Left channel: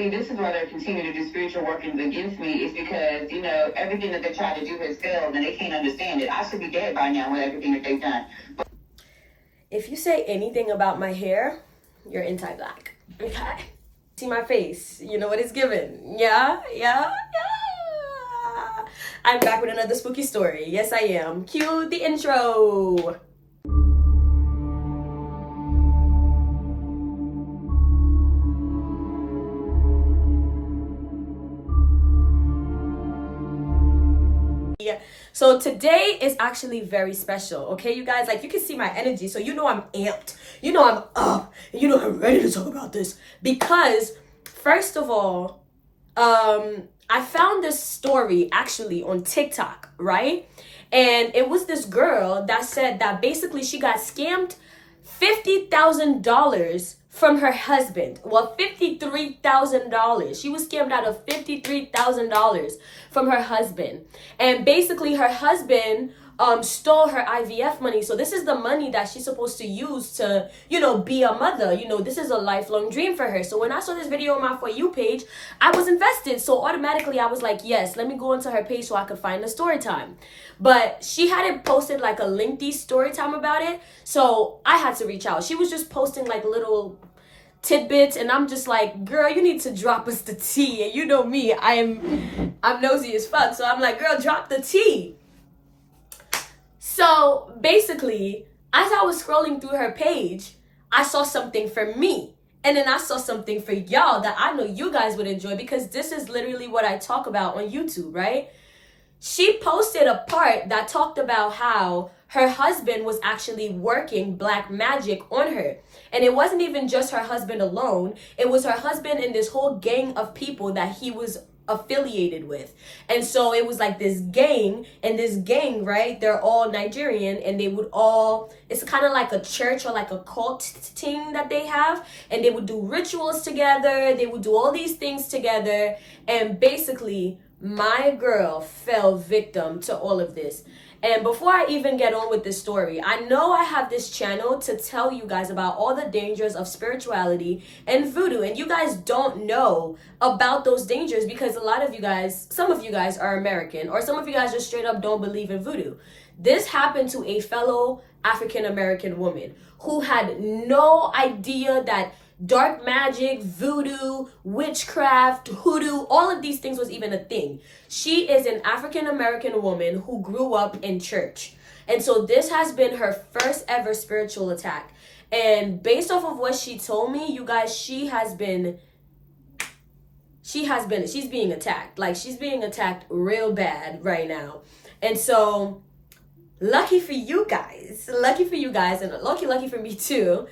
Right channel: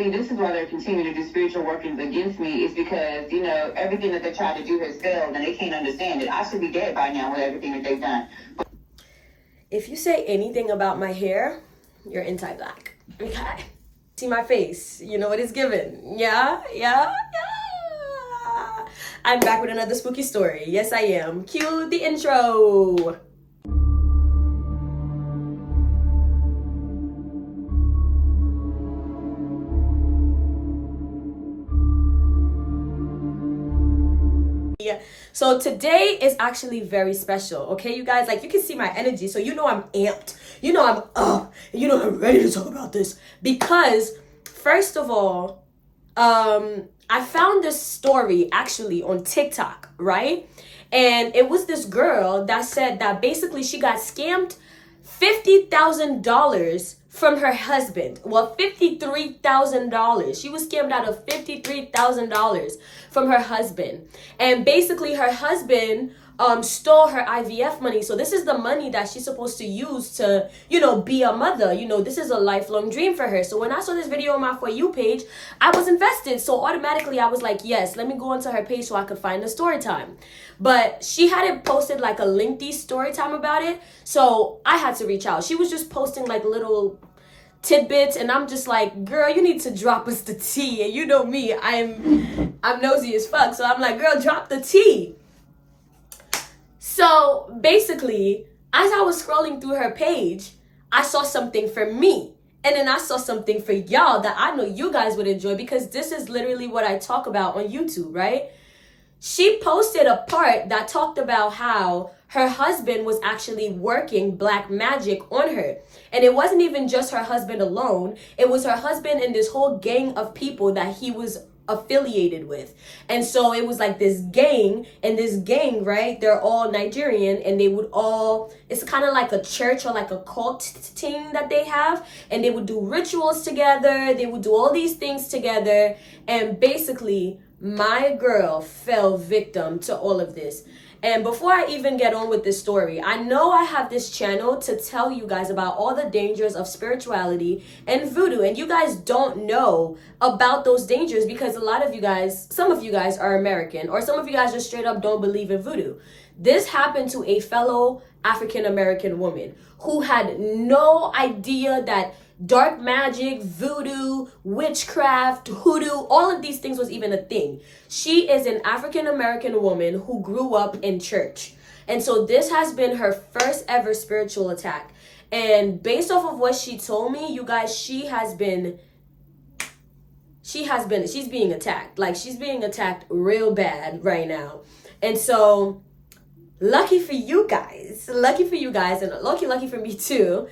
See, this is why they're continuing to do spiritual workings against me, is because, you know, everything that they try to do has failed and they can't understand it. I should be dead by now with everything that they've done. If you say anything about my hair, you're anti-black. Okay? See my face. You know what it's given. Yeah. I'm back with another spooky story. Yes, I am. Cue the intro. So today is actually very special, okay, you guys? Like, you can see my energy, so you know I'm amped. You know I'm up. You know I'm ready to talk about this. Because, first of all, I found this story actually on TikTok, right? And it was this girl that said that basically she got scammed $50,000 from her husband. Well, $53,000. She was scammed out of $53,000 from her husband. And basically her husband stole her IVF money. So this is the money that she's supposed to use to, you know, be a mother. You know, this is a lifelong dream for her. So when I saw this video on my For You page, I was invested. So automatically I was like, yes, let me go into her page so I could find the story time. But she hadn't posted like a lengthy story time about it. So I had to reach out. She was just posting like little tidbits, and I'm just like, girl, you need to drop us the tea. And you know me, I'm nosy as fuck. So I'm like, girl, drop the tea. So basically, as I was scrolling through her page, I saw something for me. And then I saw something for y'all that I know you guys would enjoy, because this is literally what I talk about on YouTube, right? She posted a part that talked about how her husband was actually working black magic on her. And it wasn't even just her husband alone. It was her husband and this whole gang of people that he was affiliated with. And so it was like this gang, and this gang, right, they're all Nigerian, and they would all, it's kind of like a church or like a cult thing that they have, and they would do rituals together, they would do all these things together, and basically my girl fell victim to all of this. And before I even get on with this story, I know I have this channel to tell you guys about all the dangers of spirituality and voodoo. And you guys don't know about those dangers because a lot of you guys, some of you guys are American, or some of you guys just straight up don't believe in voodoo. This happened to a fellow African-American woman who had no idea that dark magic, voodoo, witchcraft, hoodoo, all of these things was even a thing. She is an African-American woman who grew up in church. And so this has been her first ever spiritual attack. And based off of what she told me, you guys, she's being attacked. Like, she's being attacked real bad right now. And so lucky for you guys, and lucky for me too.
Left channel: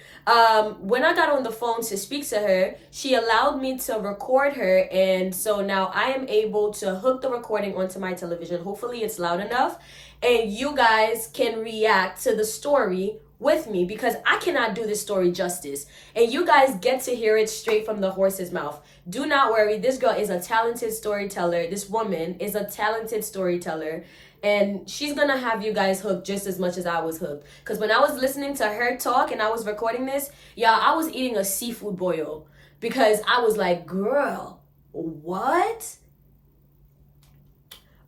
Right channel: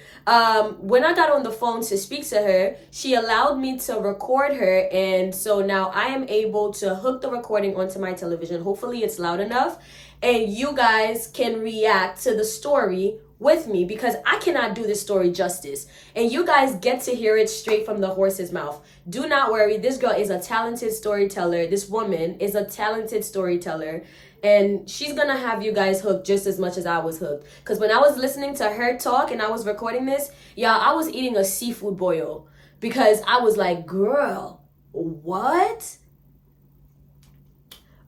When I got on the phone to speak to her, she allowed me to record her, and so now I am able to hook the recording onto my television. Hopefully it's loud enough, and you guys can react to the story with me, because I cannot do this story justice, and you guys get to hear it straight from the horse's mouth. Do not worry, this girl is a talented storyteller. This woman is a talented storyteller, and she's gonna have you guys hooked just as much as I was hooked. Because when I was listening to her talk and I was recording this, y'all, I was eating a seafood boil, because I was like, girl, what?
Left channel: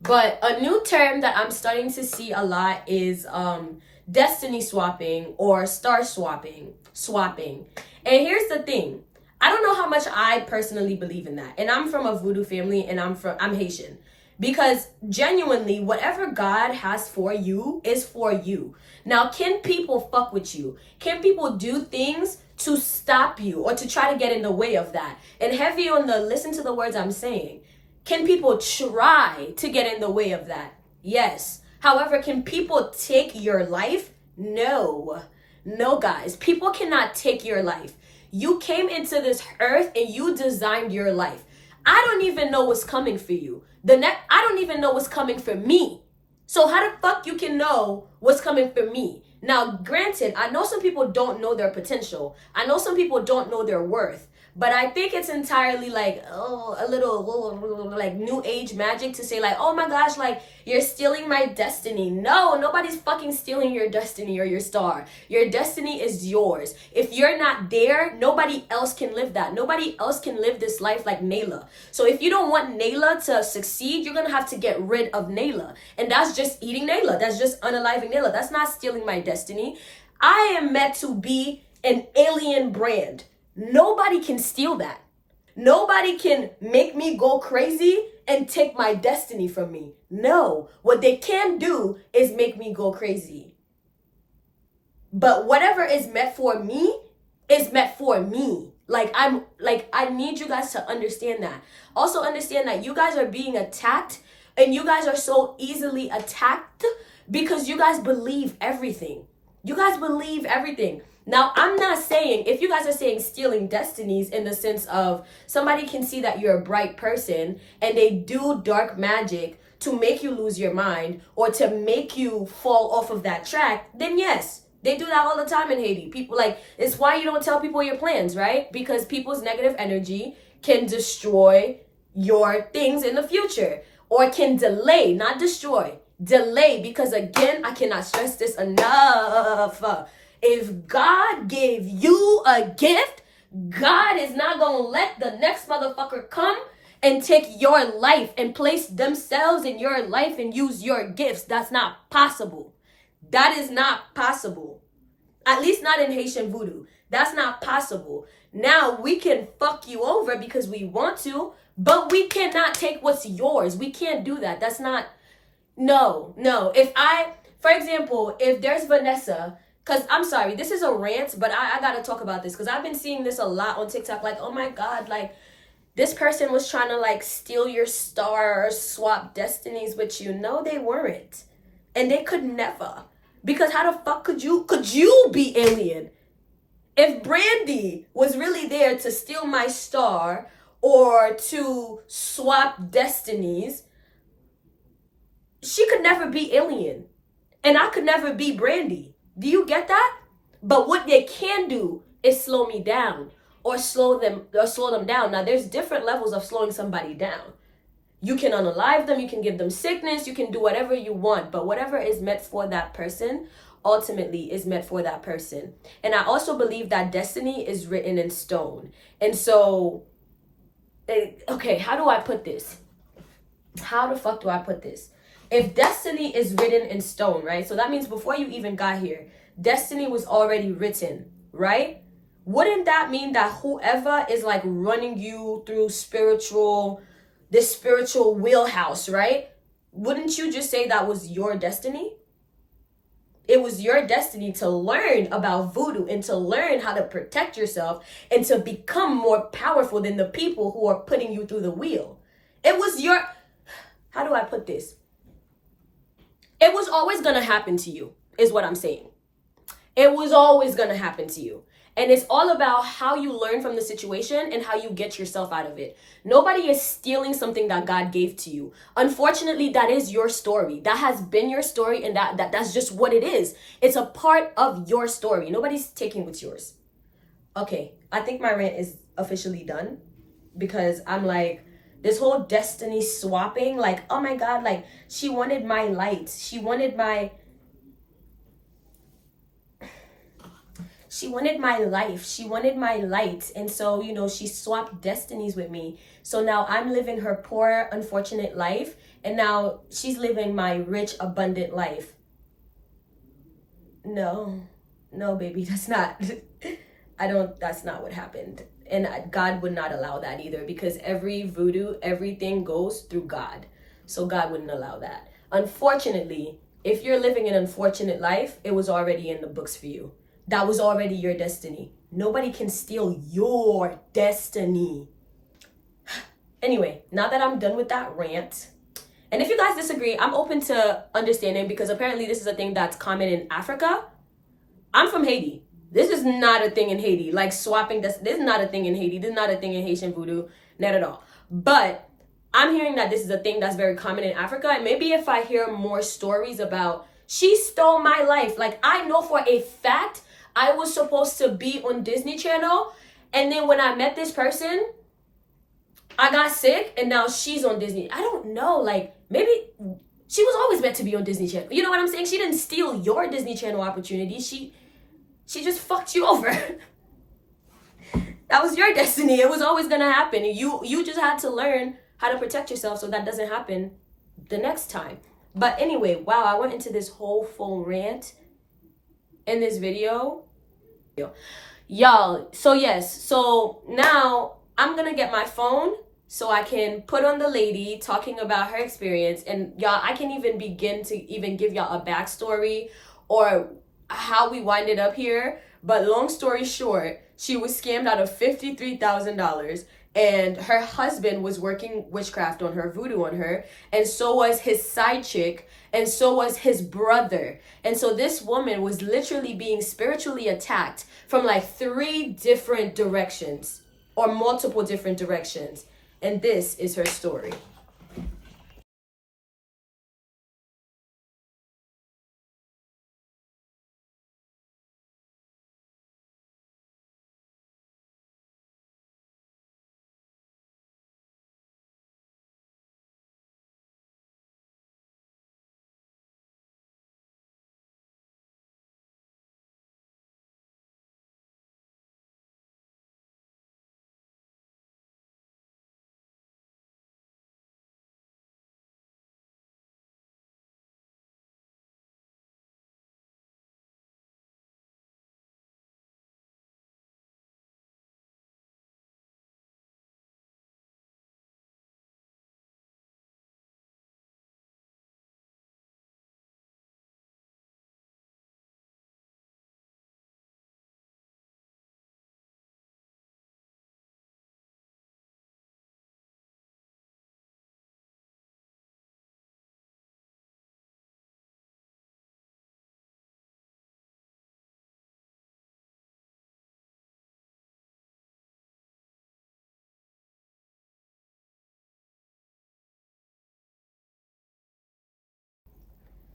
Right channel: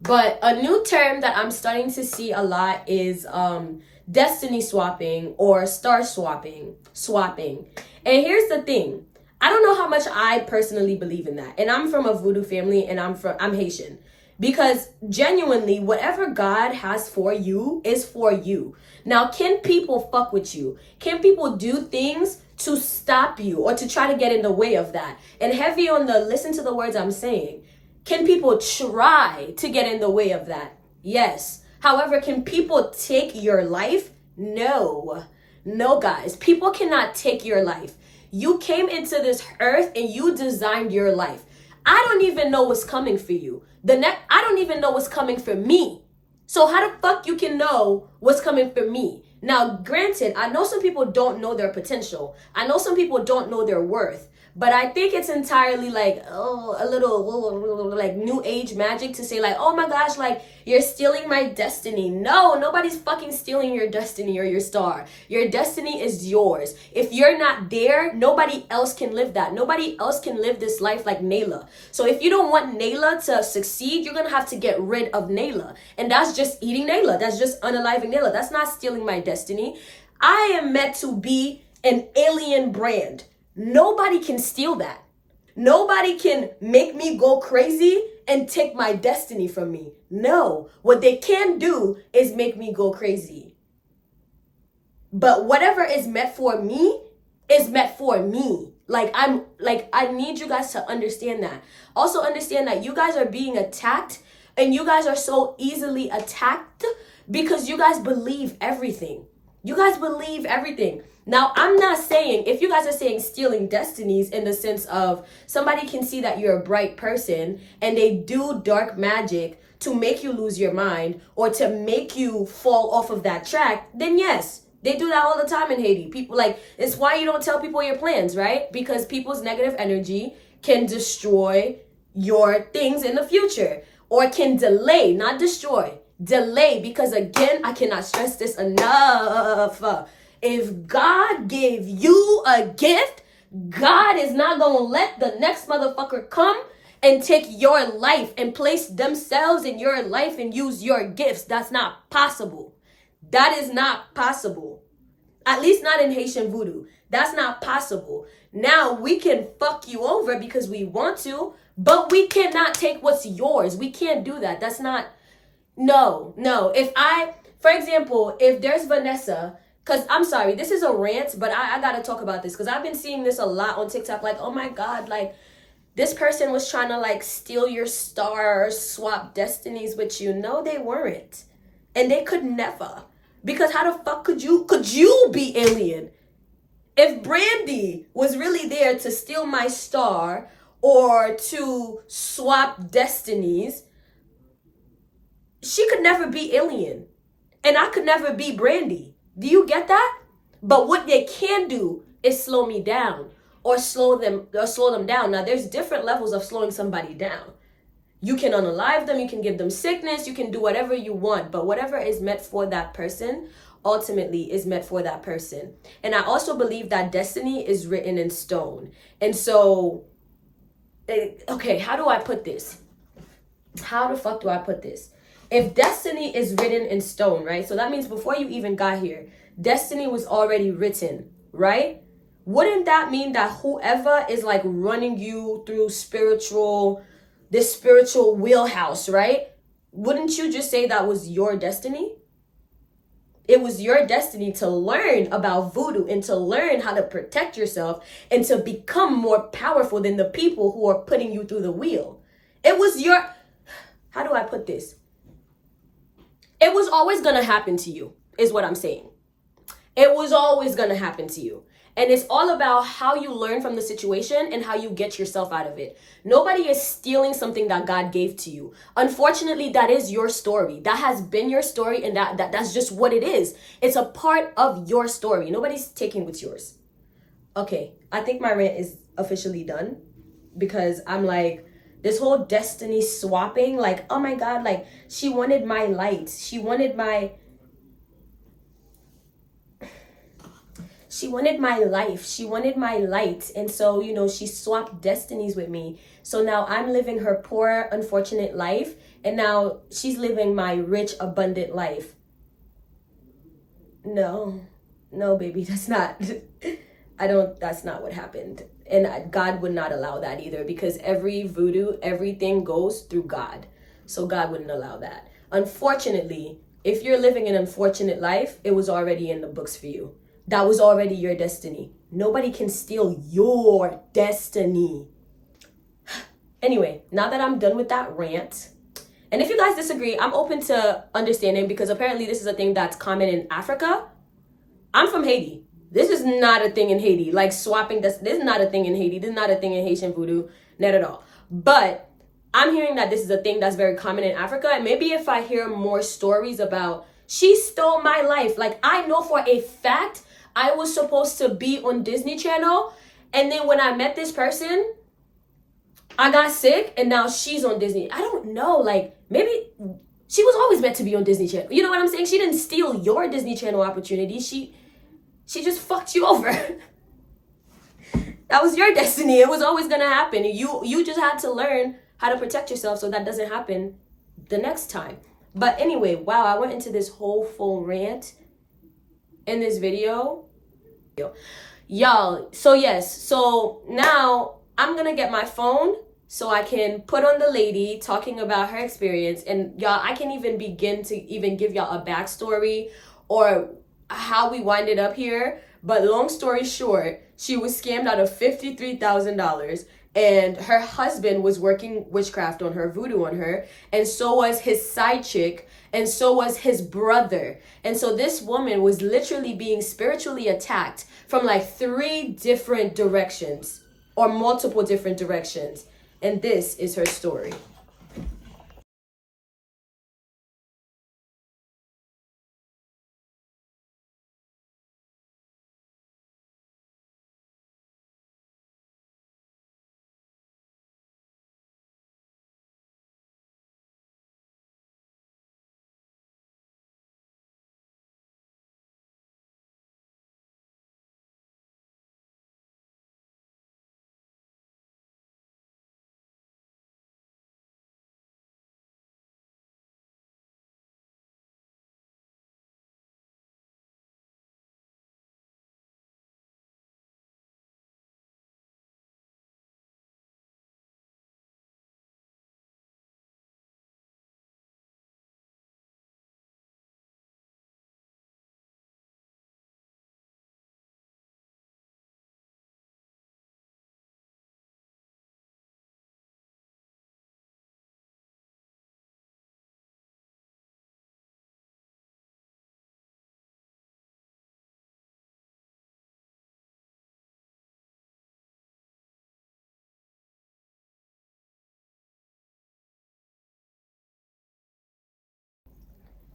But a new term that I'm starting to see a lot is destiny swapping or star swapping. And here's the thing. I don't know how much I personally believe in that. And I'm from a voodoo family, and I'm Haitian. Because genuinely, whatever God has for you is for you. Now, can people fuck with you? Can people do things to stop you or to try to get in the way of that? And heavy on the listen to the words I'm saying. Can people try to get in the way of that? Yes. However, can people take your life? No. No, guys. People cannot take your life. You came into this earth and you designed your life. I don't even know what's coming for you. I don't even know what's coming for me. So how the fuck you can know what's coming for me? Now, granted, I know some people don't know their potential. I know some people don't know their worth. But I think it's entirely like, oh, a little like new age magic to say like, oh my gosh, like you're stealing my destiny. No, nobody's fucking stealing your destiny or your star. Your destiny is yours. If you're not there, nobody else can live that. Nobody else can live this life like Nayla. So if you don't want Nayla to succeed, you're gonna have to get rid of Nayla. And that's just eating Nayla. That's just unaliving Nayla. That's not stealing my destiny. I am meant to be an alien brand. Nobody can steal that. Nobody can make me go crazy and take my destiny from me. No, what they can do is make me go crazy. But whatever is meant for me is meant for me. I need you guys to understand that. Also understand that you guys are being attacked, and you guys are so easily attacked because you guys believe everything. You guys believe everything. Now, I'm not saying, if you guys are saying stealing destinies in the sense of somebody can see that you're a bright person and they do dark magic to make you lose your mind or to make you fall off of that track, then yes, they do that all the time in Haiti. People like, it's why you don't tell people your plans, right? Because people's negative energy can destroy your things in the future, or can delay, not destroy, delay. Because again, I cannot stress this enough. If God gave you a gift, God is not going to let the next motherfucker come and take your life and place themselves in your life and use your gifts. That's not possible. That is not possible. At least not in Haitian voodoo. That's not possible. Now, we can fuck you over because we want to, but we cannot take what's yours. We can't do that. That's not, no. For example, if there's Vanessa, because I'm sorry, this is a rant, but I got to talk about this because I've been seeing this a lot on TikTok. Like, oh my God, like this person was trying to like steal your star or swap destinies with you. No, they weren't. And they could never. Because how the fuck could you be alien? If Brandy was really there to steal my star or to swap destinies, she could never be alien. And I could never be Brandy. Do you get that? But what they can do is slow me down or slow them down. Now, there's different levels of slowing somebody down. You can unalive them, you can give them sickness, you can do whatever you want, but whatever is meant for that person ultimately is meant for that person. And I also believe that destiny is written in stone. And so, okay, how do I put this? How the fuck do I put this? If destiny is written in stone, right? So that means before you even got here, destiny was already written, right? Wouldn't that mean that whoever is like running you through this spiritual wheelhouse, right? Wouldn't you just say that was your destiny? It was your destiny to learn about voodoo and to learn how to protect yourself and to become more powerful than the people who are putting you through the wheel. It was your, how do I put this? It was always going to happen to you, is what I'm saying. It was always going to happen to you. And it's all about how you learn from the situation and how you get yourself out of it. Nobody is stealing something that God gave to you. Unfortunately, that is your story. That has been your story, and that's just what it is. It's a part of your story. Nobody's taking what's yours. Okay, I think my rant is officially done because I'm like, this whole destiny swapping, like, oh my God, like she wanted my light. She wanted my life. She wanted my light. And so, she swapped destinies with me. So now I'm living her poor, unfortunate life. And now she's living my rich, abundant life. No, baby, that's not what happened. And God would not allow that either, because every voodoo, everything goes through God. So God wouldn't allow that. Unfortunately, if you're living an unfortunate life, it was already in the books for you. That was already your destiny. Nobody can steal your destiny. Anyway, now that I'm done with that rant, and if you guys disagree, I'm open to understanding, because apparently this is a thing that's common in Africa. I'm from Haiti. This is not a thing in Haiti. Like swapping, this is not a thing in Haiti. This is not a thing in Haitian voodoo. Not at all. But I'm hearing that this is a thing that's very common in Africa. And maybe if I hear more stories about, she stole my life. Like, I know for a fact I was supposed to be on Disney Channel And then when I met this person, I got sick, and now she's on Disney. I don't know, like, maybe she was always meant to be on Disney Channel. You know what I'm saying? She didn't steal your Disney Channel opportunity. She just fucked you over. That was your destiny. It was always gonna happen. You just had to learn how to protect yourself so that doesn't happen the next time. But anyway, wow, I went into this whole full rant in this video. Y'all, so yes, so now I'm gonna get my phone so I can put on the lady talking about her experience. And y'all, I can even begin to even give y'all a backstory or how we winded up here. But long story short, she was scammed out of $53,000, and her husband was working witchcraft on her, voodoo on her, and so was his side chick, and so was his brother. And so this woman was literally being spiritually attacked from like 3 different directions, or multiple different directions. And this is her story.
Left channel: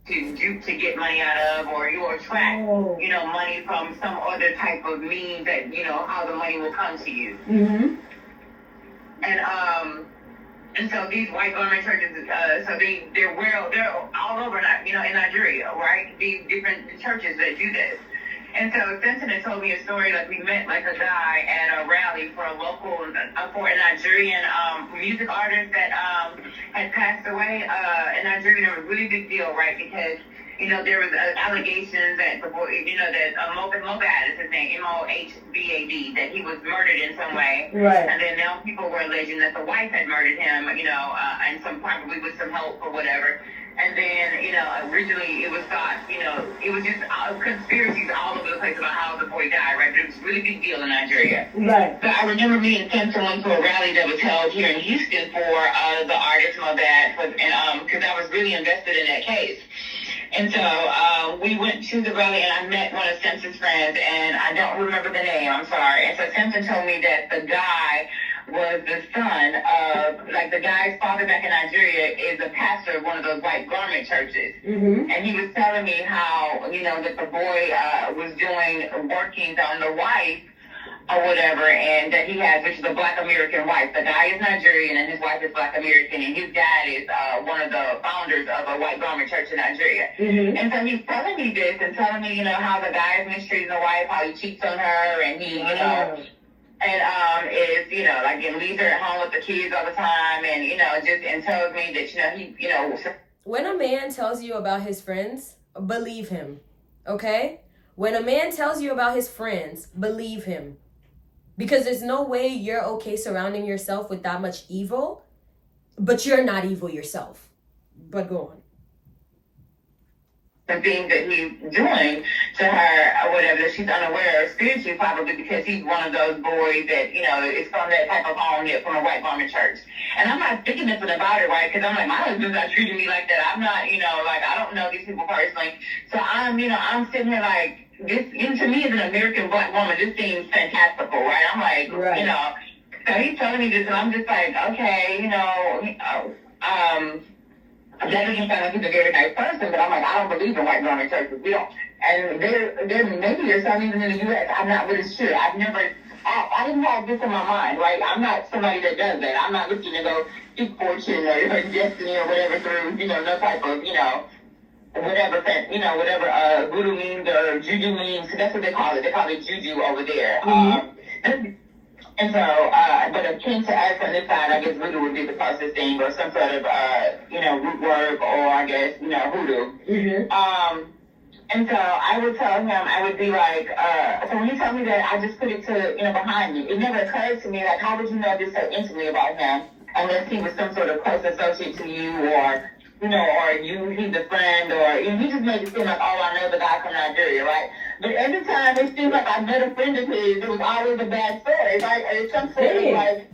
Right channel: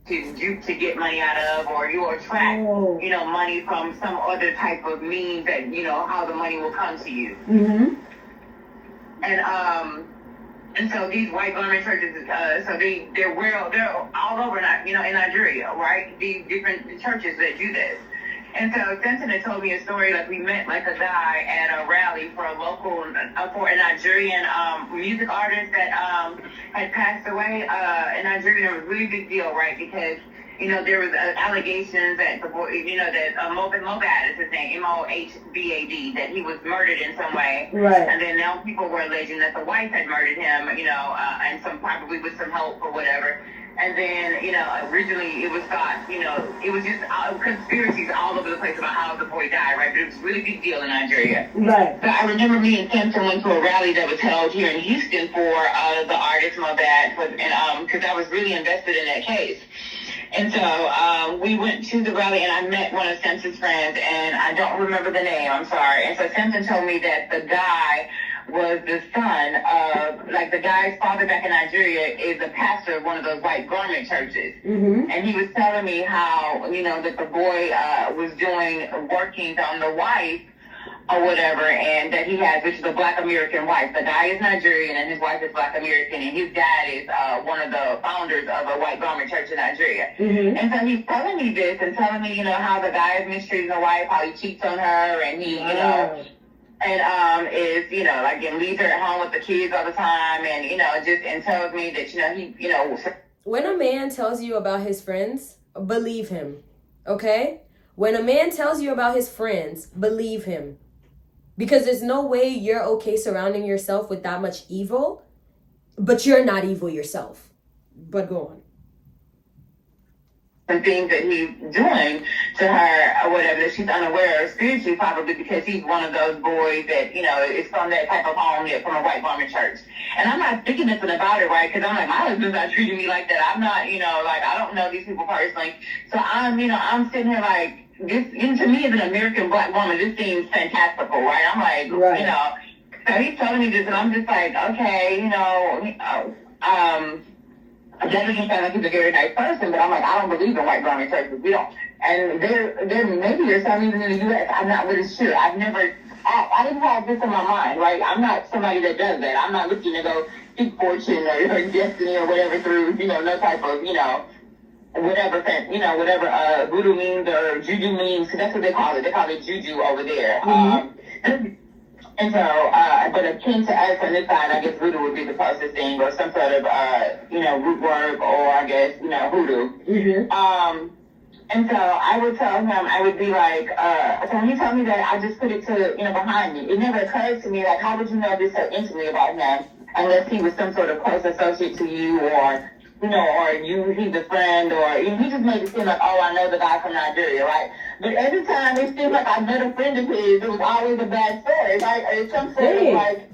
To get money out of, or you attract, money from some other type of means that, how the money will come to you. Mm-hmm. And so these white garment churches, so they're all over, in Nigeria, right? These different churches that do this. And so Simpson had told me a story, like we met like a guy at a rally for a local, for a Nigerian music artist that had passed away in Nigeria. It was a really big deal, right? Because, there was allegations that the boy, that Mohbad is his name, Mohbad, that he was murdered in some way. Right. And then now people were alleging that the wife had murdered him, and probably with some help or whatever. And then, originally it was thought, it was just conspiracies all over the place about how the boy died, right? It was a really big deal in Nigeria. Right. But I remember me and Simpson went to a rally that was held here in Houston for the artist Mohbad, and because I was really invested in that case. And so we went to the rally, and I met one of Simpson's friends, and I don't remember the name, I'm sorry. And so Simpson told me that the guy was the son of, like, the guy's father back in Nigeria is a pastor of one of those white garment churches. Mm-hmm. And he was telling me how, that the boy was working on the wife or whatever, and that he has, which is a Black American wife. The guy is Nigerian, and his wife is Black American, and his dad is one of the founders of a white garment church in Nigeria. Mm-hmm. And so he's telling me this, and telling me, how the guy is mistreating the wife, how he cheats on her, and he, and is, like, and leaves her at home with the kids all the time, and, and tells me that, he. When a man tells you about his friends, believe him, okay? When a man tells you about his friends, believe him. Because there's no way you're okay surrounding yourself with that much evil, but you're not evil yourself. But go on. The things that he's doing to her or whatever that she's unaware of spiritually, probably because he's one of those boys that, is from that type of home, from a white garment church. And I'm not thinking nothing about it, right? Because I'm like, my husband's not treating me like that. I'm not, I don't know these people personally. So I'm sitting here like, this, to me as an American Black woman, this seems fantastical, right? I'm like, right. So he's telling me this, and I'm just like, okay, I definitely sound like he's a very nice person, but I'm like, I don't believe in white garment churches. We don't. And there maybe there's some even in the U.S. I'm not really sure. I've never I didn't have this in my mind, right? I'm not somebody that does that. I'm not looking to go seek fortune or destiny or whatever through, no type of, whatever voodoo means or juju means. That's what they call it. They call it juju over there. And so, but akin to us on this side, I guess voodoo would be the closest thing, or some sort of, root work, or I guess, hoodoo. Mm-hmm. And so I would tell him, I would be like, so when you tell me that, I just put it to, behind me. It never occurred to me, like, how would you know this so intimately about him, unless he was some sort of close associate to you, or, or he's a friend, or he just made it seem like, oh, I know the guy from Nigeria, right? But every time it seemed like I met a friend of his, it was always a bad story, right? Or it's some sort of like,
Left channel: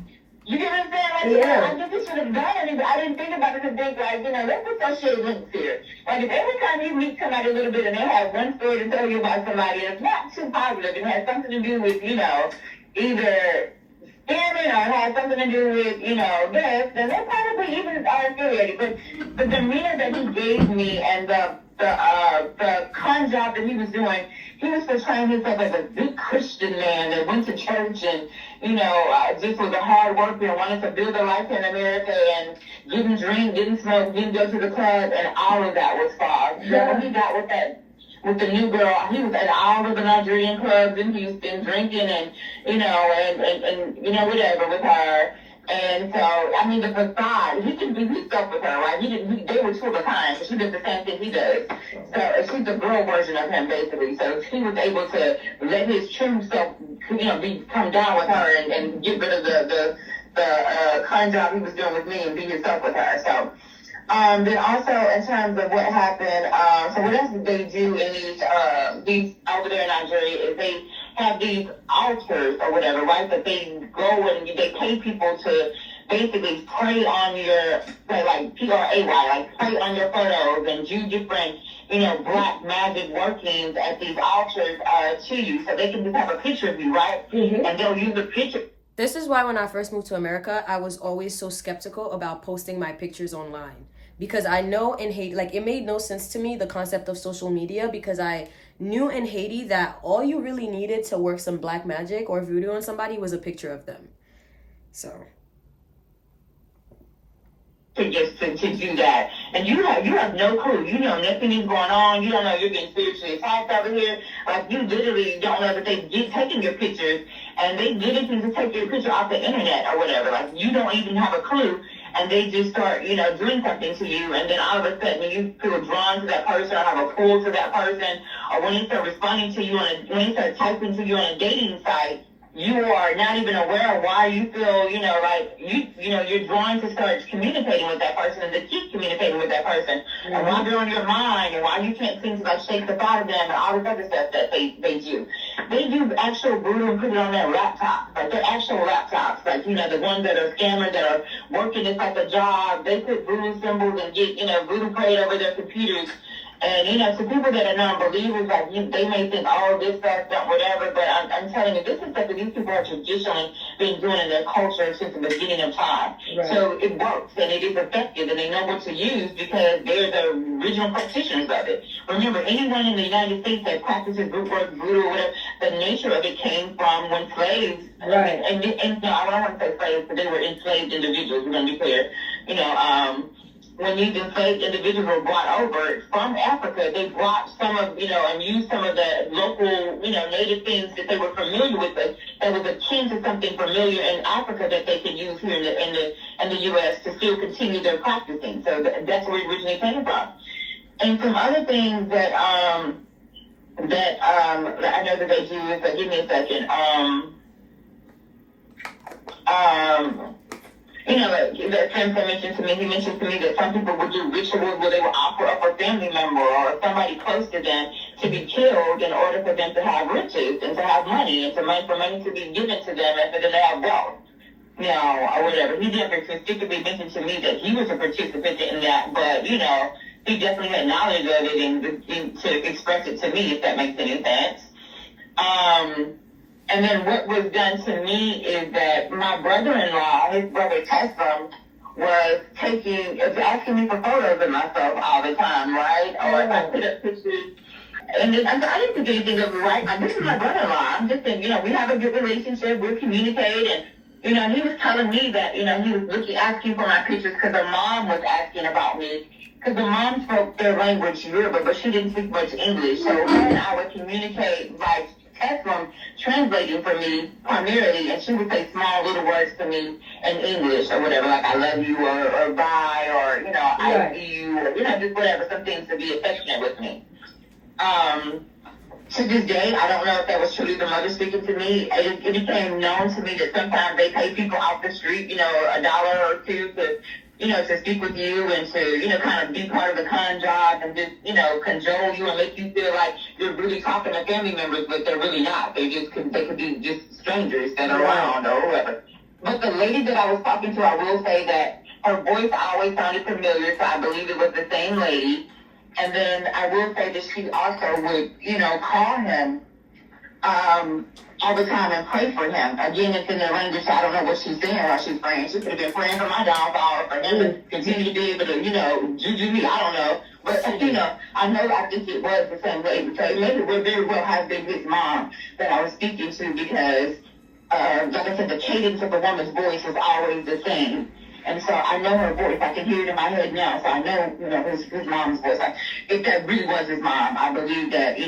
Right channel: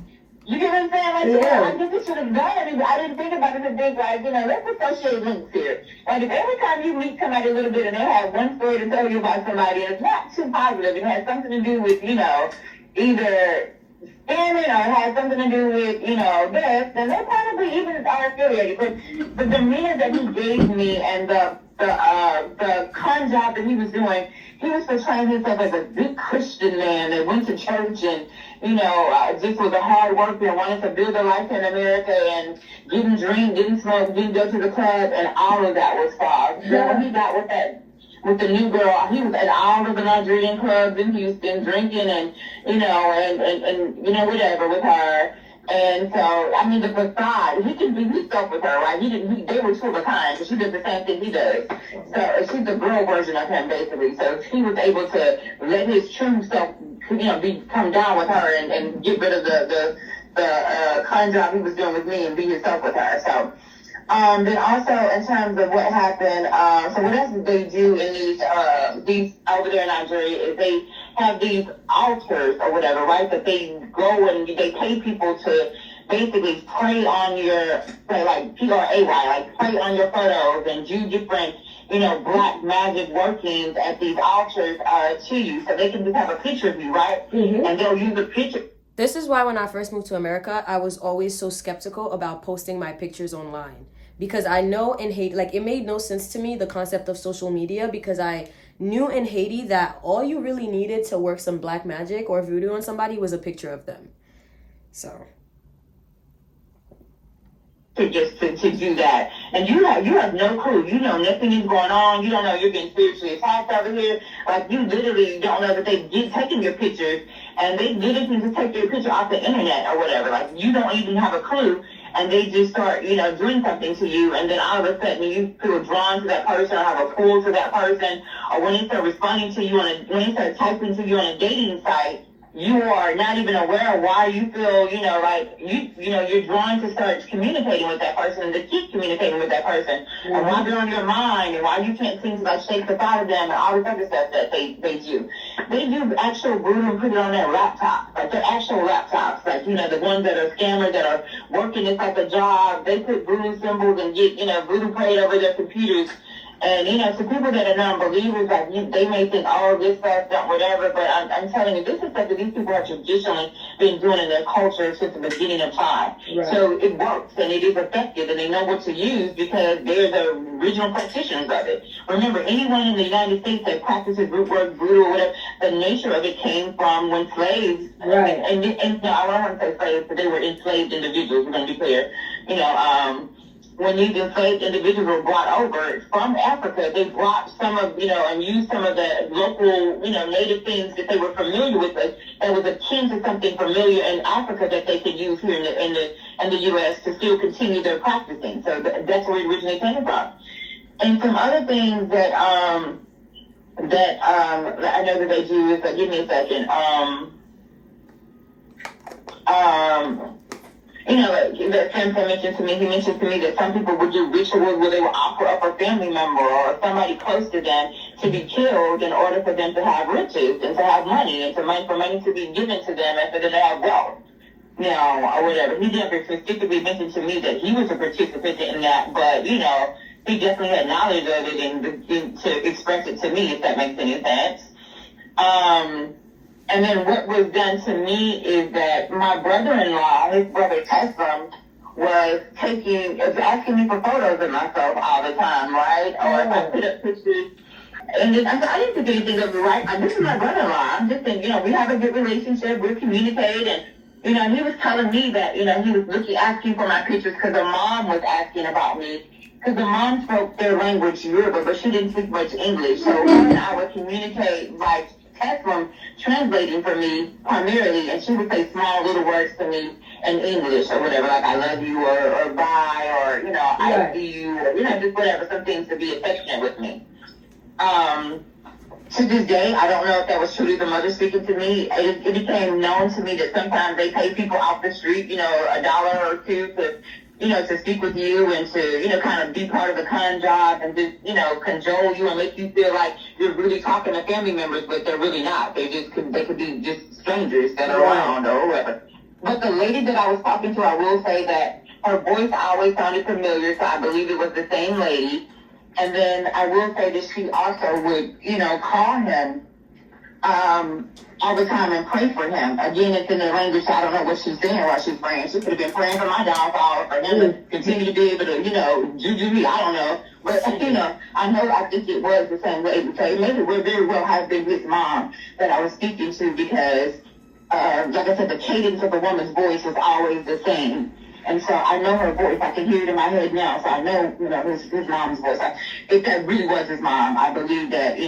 you get what I'm saying? Like, I guess I should have done it, but I didn't think about it to think, like, let's associate links here. Like, if every time you meet somebody a little bit and they have one story to tell you about somebody and it's not too positive, it has something to do with, either scamming or it has something to do with, death, then they probably even are affiliated. But the demeanor that he gave me and the con job that he was doing, he was portraying himself as a big Christian man that went to church and, just was a hard worker and wanted to build a life in America and didn't drink, didn't smoke, didn't go to the club, and all of that was false. So when he got with the new girl, he was at all of the Nigerian clubs in Houston drinking and, whatever with her. And so, I mean, the facade, he can be himself with her, right? They were two of a kind, so she does the same thing he does. So she's the girl version of him, basically. So he was able to let his true self, come down with her and get rid of the con job he was doing with me and be himself with her. So, then also in terms of what happened, so what else did they do in these over there in Nigeria is they have these altars or whatever, right? That they go and they pay people to basically pray on your, like PRAY, like pray on your photos and do different, black magic workings at these altars to you. So they can just have a picture of you, right? Mm-hmm. And they'll use a picture. This is why when I first moved to America, I was always so skeptical about posting my pictures online. Because I know in Haiti, like it made no sense to me, the concept of social media, because I knew in Haiti that all you really needed to work some black magic or voodoo on somebody was a picture of them. So. To do that. And you have no clue. You know nothing is going on. You don't know you're getting spiritually attacked over here. Like you literally don't know that they get taking your pictures and they literally just take your picture off the internet or whatever. Like you don't even have a clue. And they just start, doing something to you, and then all of a sudden you feel drawn to that person or have a pull to that person, or when they start responding to you when they start typing to you on a dating site, you are not even aware of why you feel, you're drawn to start communicating with that person and to keep communicating with that person, mm-hmm. and why they're on your mind, and why you can't seem to shake the thought of them, and all this other stuff that they do. They do actual voodoo and put it on their laptops, like their actual laptops, like, the ones that are scammers that are working this type of job, they put voodoo symbols and get, voodoo prayed over their computers. And, to people that are non-believers, like, they may think, oh, this stuff, that, whatever, but I'm telling you, this is stuff that these people have traditionally been doing in their culture since the beginning of time. Right. So it works, and it is effective, and they know what to use because they're the original practitioners of it. Remember, anyone in the United States that practices root work, voodoo, or whatever, the nature of it came from when slaves, right. and I don't want to say slaves, but they were enslaved individuals, we're going to be clear, when these enslaved individuals were brought over from Africa, they brought some of, and used some of the local, native things that they were familiar with that was akin to something familiar in Africa that they could use here in the U.S. to still continue their practicing. So that's where it originally came from. And some other things that I know that they do is, give me a second. That Sam mentioned to me, he mentioned to me that some people would do rituals where they would offer up a family member or somebody close to them to be killed in order for them to have riches and to have money and for money to be given to them and for them to have wealth. Or whatever. He never specifically mentioned to me that he was a participant in that, but, he definitely had knowledge of it and to express it to me, if that makes any sense. And then what was done to me is that my brother-in-law, his brother Tessam, was asking me for photos of myself all the time, right? Or if I put up pictures And then I said, I didn't think anything of it, right? This is my brother-in-law. I'm just saying, we have a good relationship. We're communicating. And, and he was telling me that, he was asking for my pictures because her mom was asking about me. Because the mom spoke their language, Yoruba, but she didn't speak much English. So her and I would communicate by text from translating for me primarily, and she would say small little words to me in English or whatever, like I love you or bye or, I see you, or, just whatever, some things to be affectionate with me. To this day, I don't know if that was truly the mother speaking to me. It became known to me that sometimes they pay people off the street, $1 or $2 to speak with you and to, kind of be part of the con job and just, cajole you and make you feel like you're really talking to family members, but they're really not. They could be just strangers that are around or whatever. But the lady that I was talking to, I will say that her voice always sounded familiar, so I believe it was the same lady. And then I will say that she also would, call him all the time and pray for him. Again, it's in the language, so I don't know what she's saying while she's praying. She could have been praying for my downfall, for him to continue to be able to, juju me, I don't know. But, I think it was the same way, because maybe it very well has been his mom that I was speaking to, because, like I said, the cadence of the woman's voice is always the same. And so I know her voice. I can hear it in my head now. So I know, his mom's voice. If that really was his mom, I believe that,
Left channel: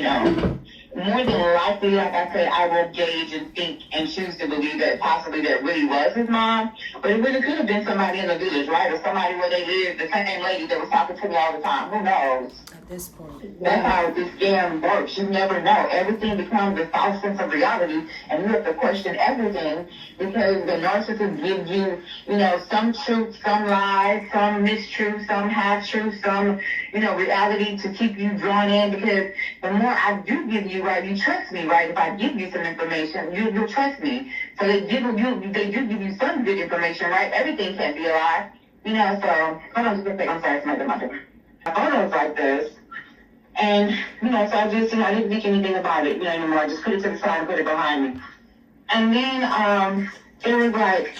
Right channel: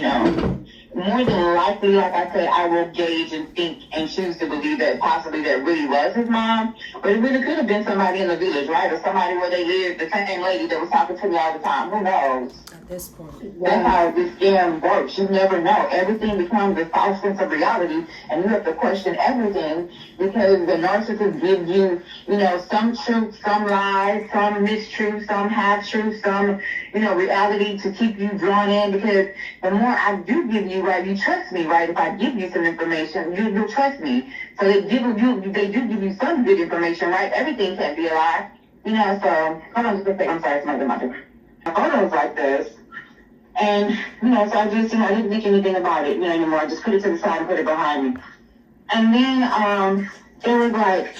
more than likely, like I said, I will gauge and think and choose to believe that possibly that really was his mom. But it really could have been somebody in the village, right? Or somebody where they lived, the same lady that was talking to me all the time. Who knows? At this point. That's how this scam works. You never know. Everything becomes a false sense of reality, and you have to question everything because the narcissist gives you, some truth, some lies, some mistruth, some half-truth, some, reality to keep you drawn in, because the more I do give you, right, you trust me, right? If I give you some information, you'll trust me. So they do give you some good information, right? Everything can't be a lie. So hold on just a second. I'm sorry, it's my mother. Photos like this. And, so I just, I didn't think anything about it, anymore. I just put it to the side and put it behind me. And then it was like,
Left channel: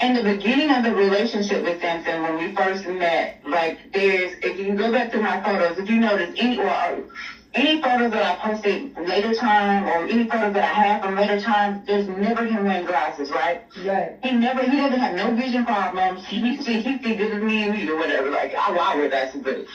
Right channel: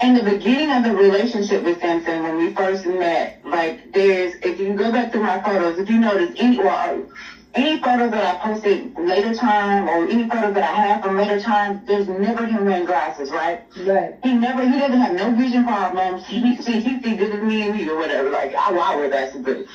in the beginning of the relationship with Samson, when we first met, like, if you go back to my photos, if you notice any photos that I posted later time, or any photos that I have from later times, there's never him wearing glasses, right? Right. He doesn't have no vision problems. He see this is me and me or whatever. Like, I wear glasses, but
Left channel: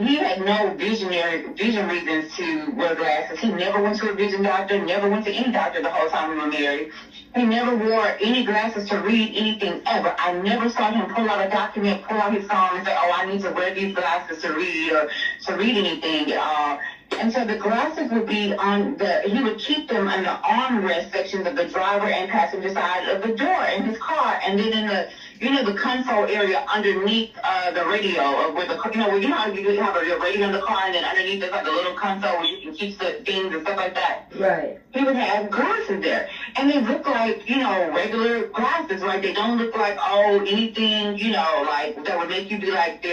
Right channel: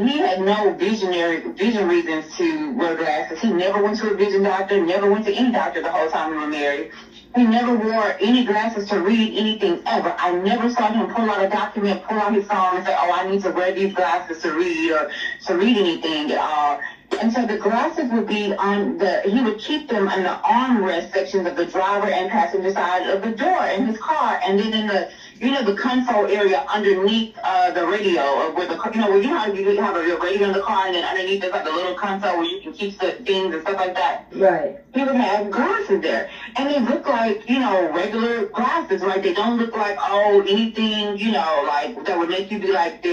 he had no vision reasons to wear glasses. He never went to a vision doctor, never went to any doctor the whole time we were married. He never wore any glasses to read anything ever. I never saw him pull out a document, pull out his phone and say, oh, I need to wear these glasses to read or to read anything at all. And so the glasses would be he would keep them in the armrest sections of the driver and passenger side of the door in his car. And then in the, the console area underneath the radio, where where you have your radio in the car, and then underneath there's like a little console where you can keep things and stuff like that. Right. He would have glasses there. And they look like, regular glasses, right? They don't look like, anything, like that would make you be like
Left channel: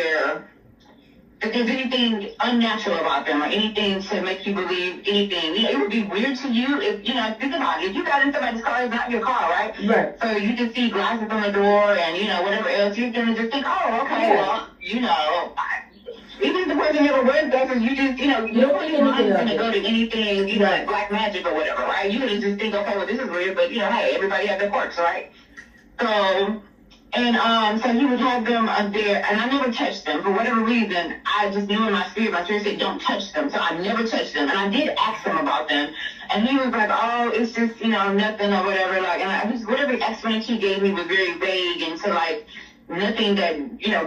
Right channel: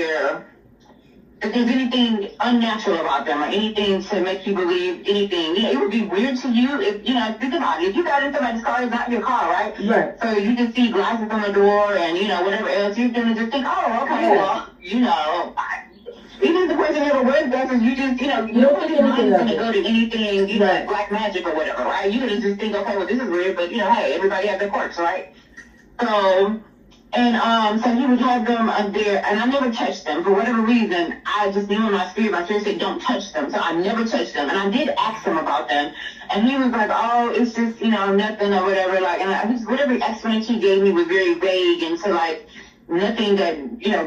if there's anything unnatural about them or anything to make you believe anything, it would be weird to you if, think about it. If you got in somebody's car, it's not your car, right? Right. So you just see glasses on the door and, whatever else you're doing, just think, oh, okay, well, even if the person never wears glasses, you just, nobody's mind is going to go to anything, like black magic or whatever, right? You're going to just think, okay, well, this is weird, but, hey, everybody has their quirks, right? So... And so he would have them there, and I never touched them. For whatever reason, I just knew in my spirit said, don't touch them. So I never touched them. And I did ask him about them. And he was like, oh, it's just, nothing or whatever. Like, and whatever explanation he gave me was very vague and so, like, nothing that,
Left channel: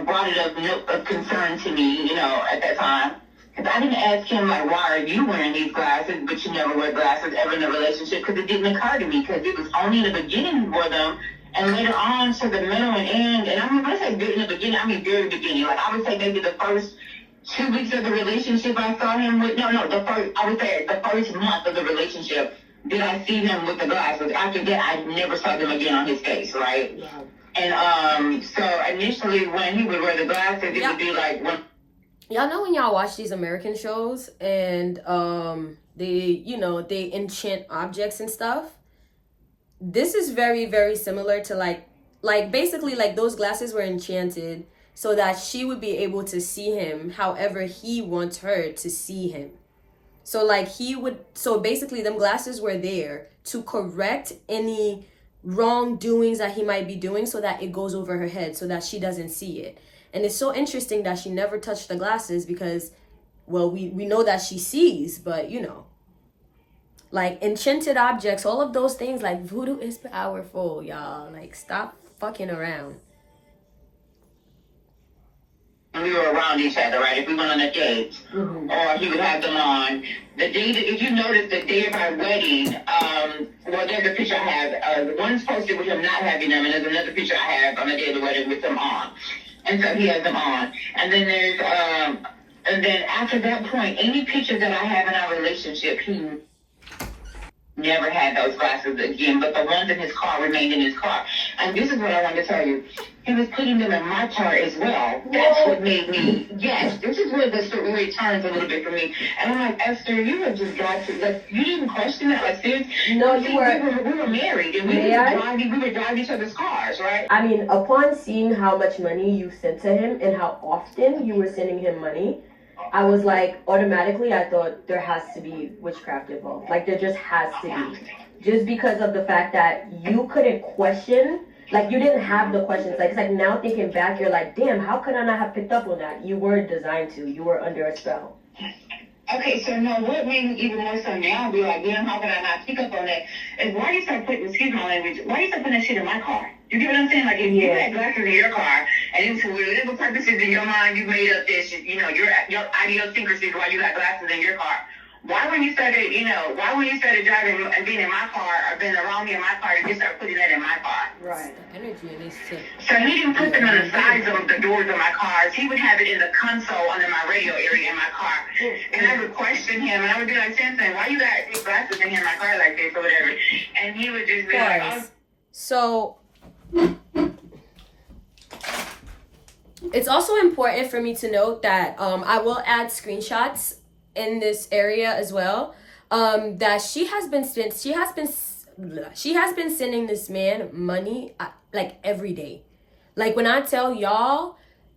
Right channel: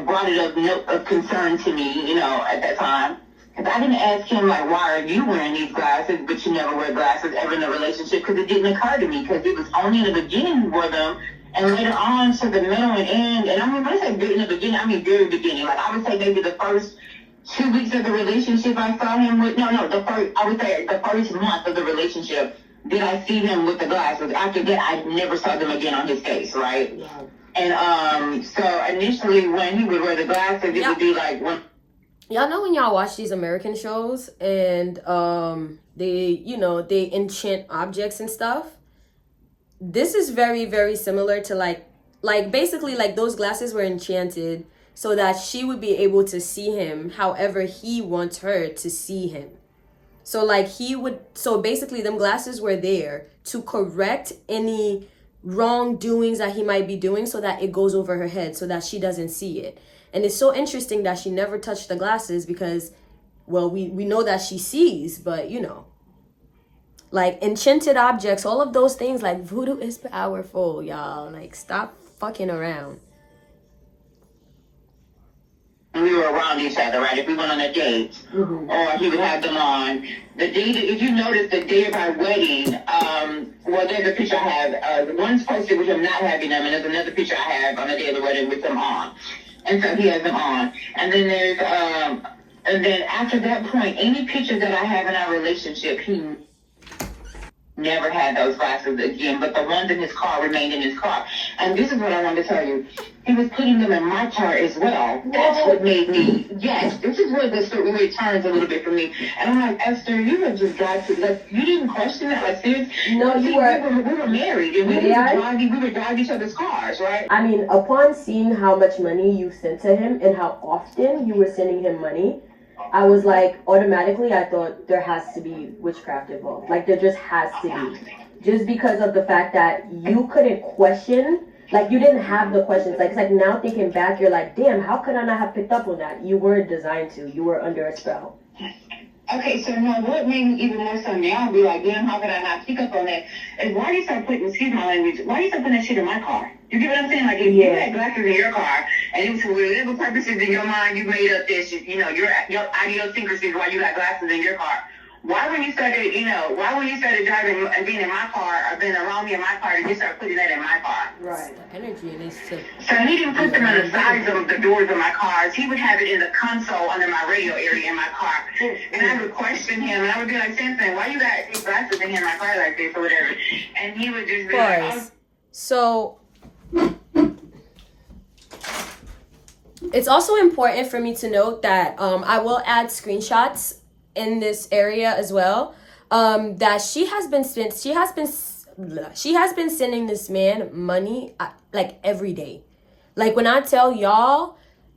brought it up of concern to me, at that time. Because I didn't ask him, like, why are you wearing these glasses, but you never wear glasses ever in a relationship? Because it didn't occur to me, because it was only in the beginning you wore them. And later on to the middle and end, and I mean, when I say in the beginning, I mean very beginning. Like, I would say maybe the first 2 weeks of the relationship I saw him with, I would say the first month of the relationship did I see him with the glasses. After that, I never saw them again on his face, right? Yeah. And so initially when he would wear the glasses, it would be like when... Y'all know when y'all watch these American shows and they enchant objects and stuff? This is very, very similar to like basically like those glasses were enchanted so that she would be able to see him however he wants her to see him. So like so basically them glasses were there to correct any wrongdoings that he might be doing so that it goes over her head so that she doesn't see it. And it's so interesting that she never touched the glasses because, well, we know that she sees, but you know, like enchanted objects, all of those things, like voodoo is powerful, y'all. Like stop fucking around. We were around each other, right? If we went on a date, or he would have them on. The day that, if you notice, the day of our wedding, well, there's a picture I have. One's posted with him not having them, and there's another picture I have on the day of the wedding with them on. And so he has them on. And then there's, and then after that point, any pictures that I have in our relationship, he never had those glasses again, but the ones in his car remained in his car. And this is what I wanted to tell you. He was putting them in my car as well. That's what made me, yes, this is where the story turns a little bit for me. And I'm like, Esther, you had just got to, like, you didn't question that, like, seriously? No, we were married, and we would drive each other's cars, right? I mean, upon seeing how much money you sent to him and how often you were sending him money, I was like, automatically, I thought there has to be witchcraft involved. Like, there just has to be. Just because of the fact that you couldn't question, like, you didn't have the questions. Like, it's like now thinking back, you're like, damn, how could I not have picked up on that? You weren't designed to. You were under a spell. Okay, so no, what made me even more so now be like, damn, how could I not pick up on that? And why do you start putting, excuse my language, why do you start putting that shit in my car? You get what I'm saying? Like, if you had glasses in your car, and for whatever purposes in your mind you made up this, you know, your idiosyncrasies why you got glasses in your car. Why when you started driving and being in my car or being around me in my car, did you start putting that in my car? Right. The energy needs to. So he didn't put them on the sides of the doors of my cars. He would have it in the console under my radio area in my car. And I would question him, and I would be like, Simpson, why you got these glasses in my car like this or whatever? And he would just be like, oh. So it's also important for me to note that I will add screenshots in this area as well, that she has been sending this man money like every day. Like when I tell y'all,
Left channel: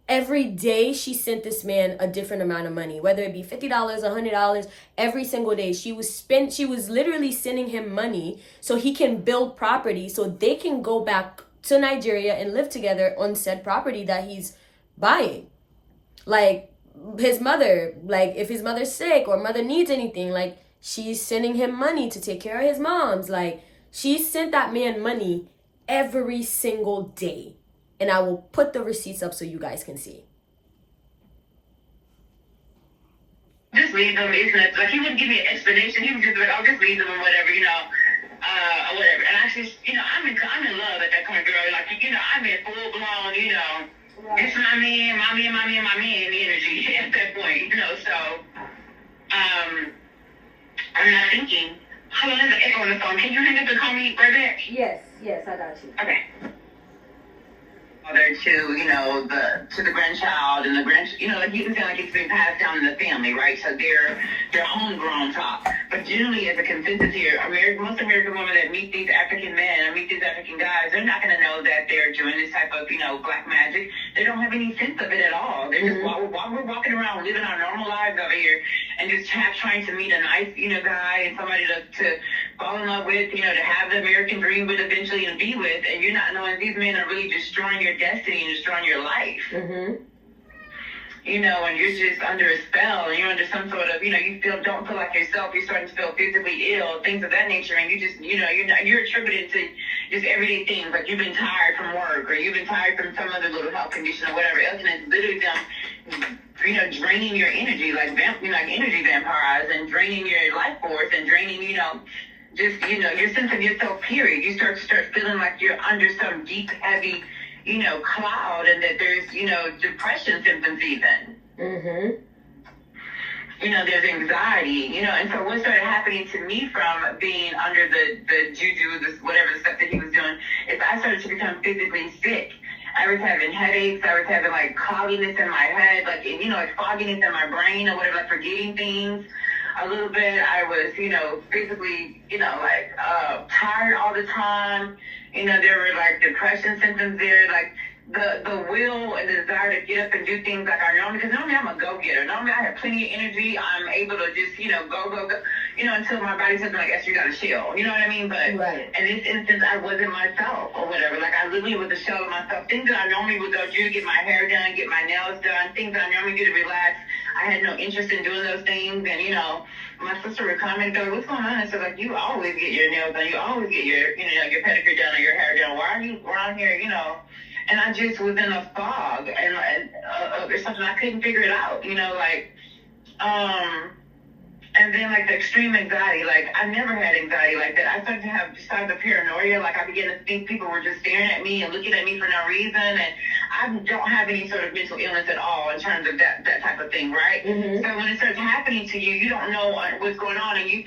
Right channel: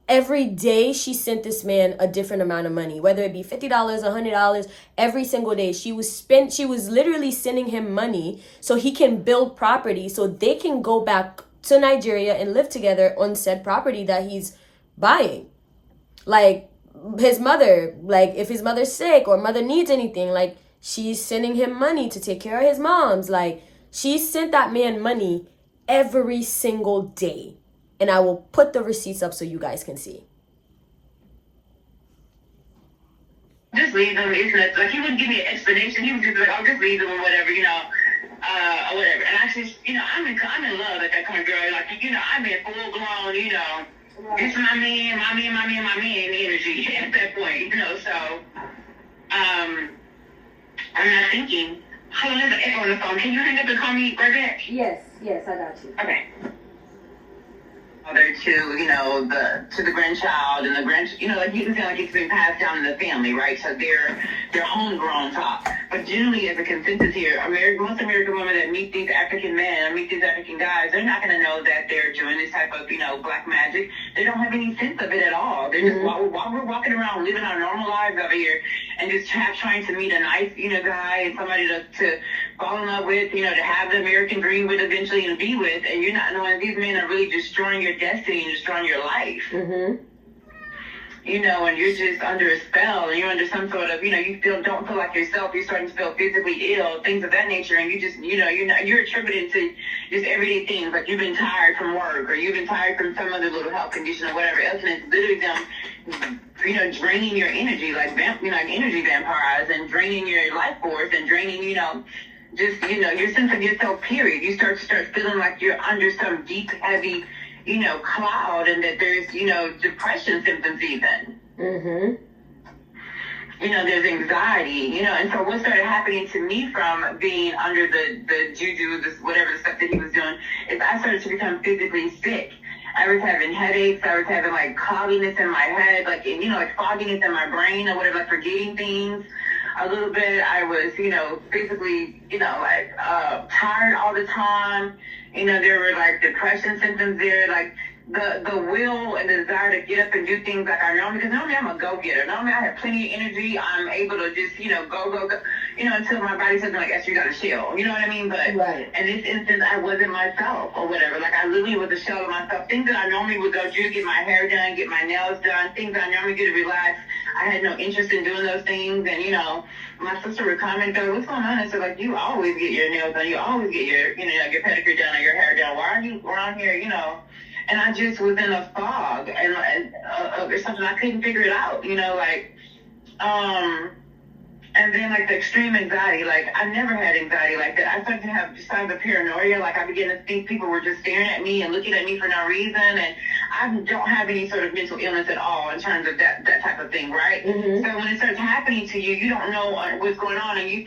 every day she sent this man a different amount of money, whether it be $50, $100, every single day. She was literally sending him money so he can build property so they can go back to Nigeria and live together on said property that he's buying. Like his mother, like if his mother's sick or mother needs anything, like she's sending him money to take care of his mom's. Like she sent that man money every single day. And I will put the receipts up so you guys can see. Just leave them. It's like he wouldn't give me an explanation. He would just be like, "Oh, just leave them," or whatever, you know, or whatever. And I just, you know, I'm in love with that kind of girl. Like, you know, I'm in full blown, you know, it's my man energy at that point, you know. So, I'm not thinking. Hold on, there's an echo on the phone. Can you hang up and call me right back? Yes, I got you. Okay. To, you know, to the grandchild and you know, like you can feel like it's been passed down in the family, right? So they're homegrown talk. But generally, as a consensus here, most American women that meet these African men or meet these African guys, they're not going to know that they're doing this type of, you know, black magic. They don't have any sense of it at all. They're just while we're walking around living our normal lives over here and just trying to meet a nice, you know, guy and somebody to fall in love with, you know, to have the American dream with eventually and be with, and you're not knowing these men are really destroying your destiny and destroying your life. You know, and you're just under a spell, and you're under some sort of, you know, don't feel like yourself. You're starting to feel physically ill, things of that nature, and you just, you know, you're attributing to just everyday things, like you've been tired from work, or you've been tired from some other little health condition or whatever else, and it's literally them, you know, draining your energy, like energy vampires, and draining your life force, and draining, you know, just, you know, your sense of yourself, period. You start feeling like you're under some deep, heavy, you know, cloud, and that there's, you know, depression symptoms even. You know, there's anxiety, you know, and so what started happening to me from being under the juju, this whatever the stuff that he was doing, is I started to become physically sick. I was having headaches. I was having like cloudiness in my head, like, you know, like fogginess in my brain or whatever, like forgetting things a little bit. I was, you know, basically, you know, like tired all the time. You know, there were like depression symptoms there, like the will and the desire to get up and do things like I normally, because normally I'm a go-getter. Normally I have plenty of energy. I'm able to just, go, until my body says, like, Esther, you got to chill. You know what I mean? But Right. in this instance, I wasn't myself or whatever. Like, I literally was a shell of myself. Things that I normally would go do, get my hair done, get my nails done, things that I normally do to relax. I had no interest in doing those things. And, my sister would come and go, what's going on? And so, like, you always get your nails done. You always get your, your pedicure done or your hair done. Why are you around here, And I just was in a fog, and there's something I couldn't figure it out, and then like the extreme anxiety, like I never had anxiety like that. I started to have signs of paranoia, like I began to think people were just staring at me and looking at me for no reason, and I don't have any sort of mental illness at all in terms of that type of thing, right? Mm-hmm. So when it starts happening to you, you don't know what's going on, and you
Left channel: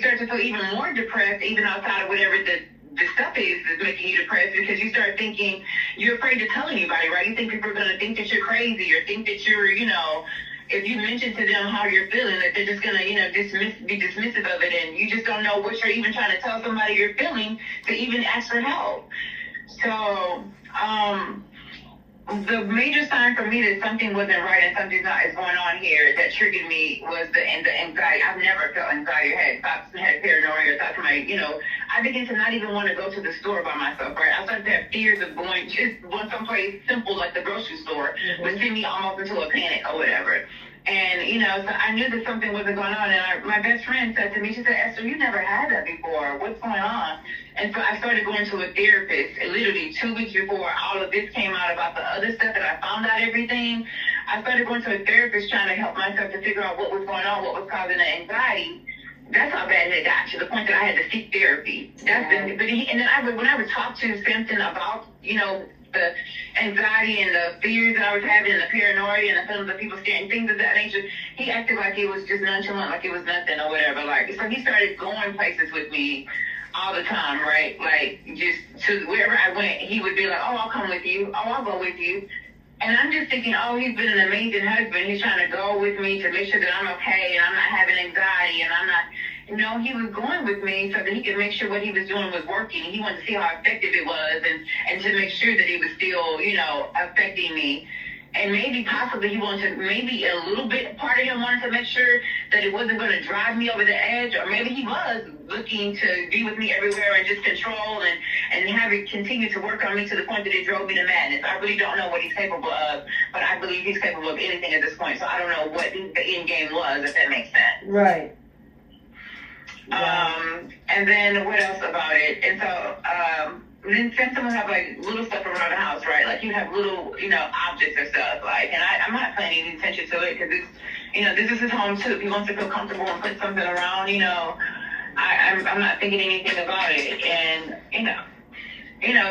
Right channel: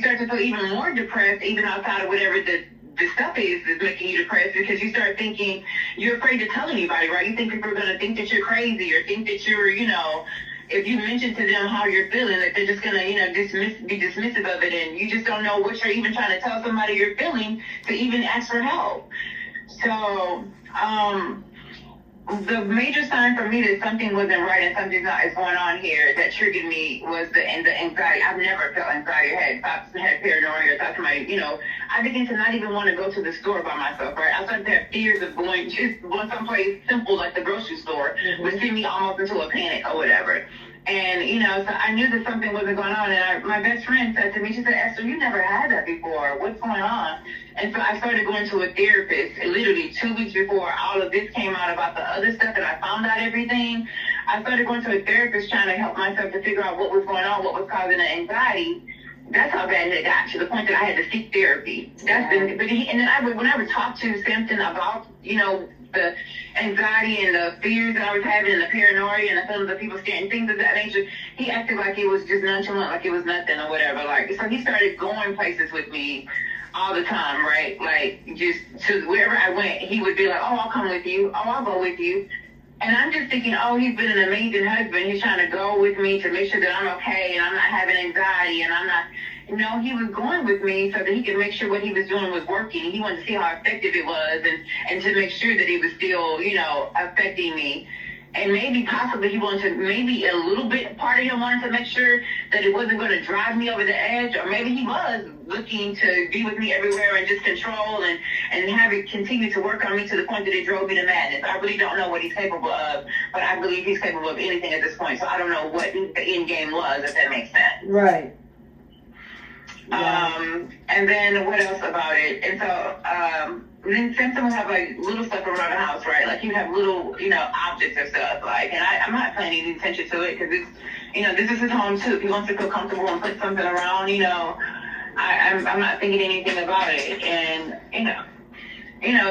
start to feel even more depressed, even outside of whatever the stuff is making you depressed, because you start thinking, you're afraid to tell anybody, right? You think people are going to think that you're crazy, or think that you're, if you mention to them how you're feeling, that they're just going to, be dismissive of it, and you just don't know what you're even trying to tell somebody you're feeling to even ask for help. So, the major sign for me that something wasn't right and something is going on here that triggered me was the anxiety. I've never felt anxiety or had paranoia or thought to I began to not even want to go to the store by myself, right? I started to have fears of going someplace simple like the grocery store, Mm-hmm. would send me almost into a panic or whatever. And, so I knew that something wasn't going on. And my best friend said to me, she said, Esther, you never had that before. What's going on? And so I started going to a therapist literally 2 weeks before all of this came out about the other stuff that I found out everything. I started going to a therapist trying to help myself to figure out what was going on, what was causing the anxiety. That's how bad it got, to the point that I had to seek therapy. When I would talk to Simpson about, the anxiety and the fears that I was having and the paranoia and the feelings of people staring, things of that nature, he acted like it was just nonchalant, like it was nothing or whatever. Like, so he started going places with me all the time, right? Like, just to wherever I went, he would be like, oh, I'll come with you. Oh, I'll go with you. And I'm just thinking, oh, he's been an amazing husband. He's trying to go with me to make sure that I'm okay and I'm not having anxiety and I'm not. No, he was going with me so that he could make sure what he was doing was working. He wanted to see how effective it was and to make sure that it was still, affecting me. And maybe possibly he wanted to, maybe a little bit, part of him wanted to make sure that it wasn't going to drive me over the edge, or maybe he was looking to be with me everywhere and just control and have it continue to work on me to the point that it drove me to madness. I really don't know what he's capable of, but I believe he's capable of anything at this point. So I don't know what the end game was, if that makes sense. Right. And then what else about it? And so, then Simpson would have like little stuff around the house, right? Like you have little, objects or stuff. Like, and I'm not paying any attention to it because it's, this is his home too. If he wants to feel comfortable and put something around, I'm not thinking anything about it. And,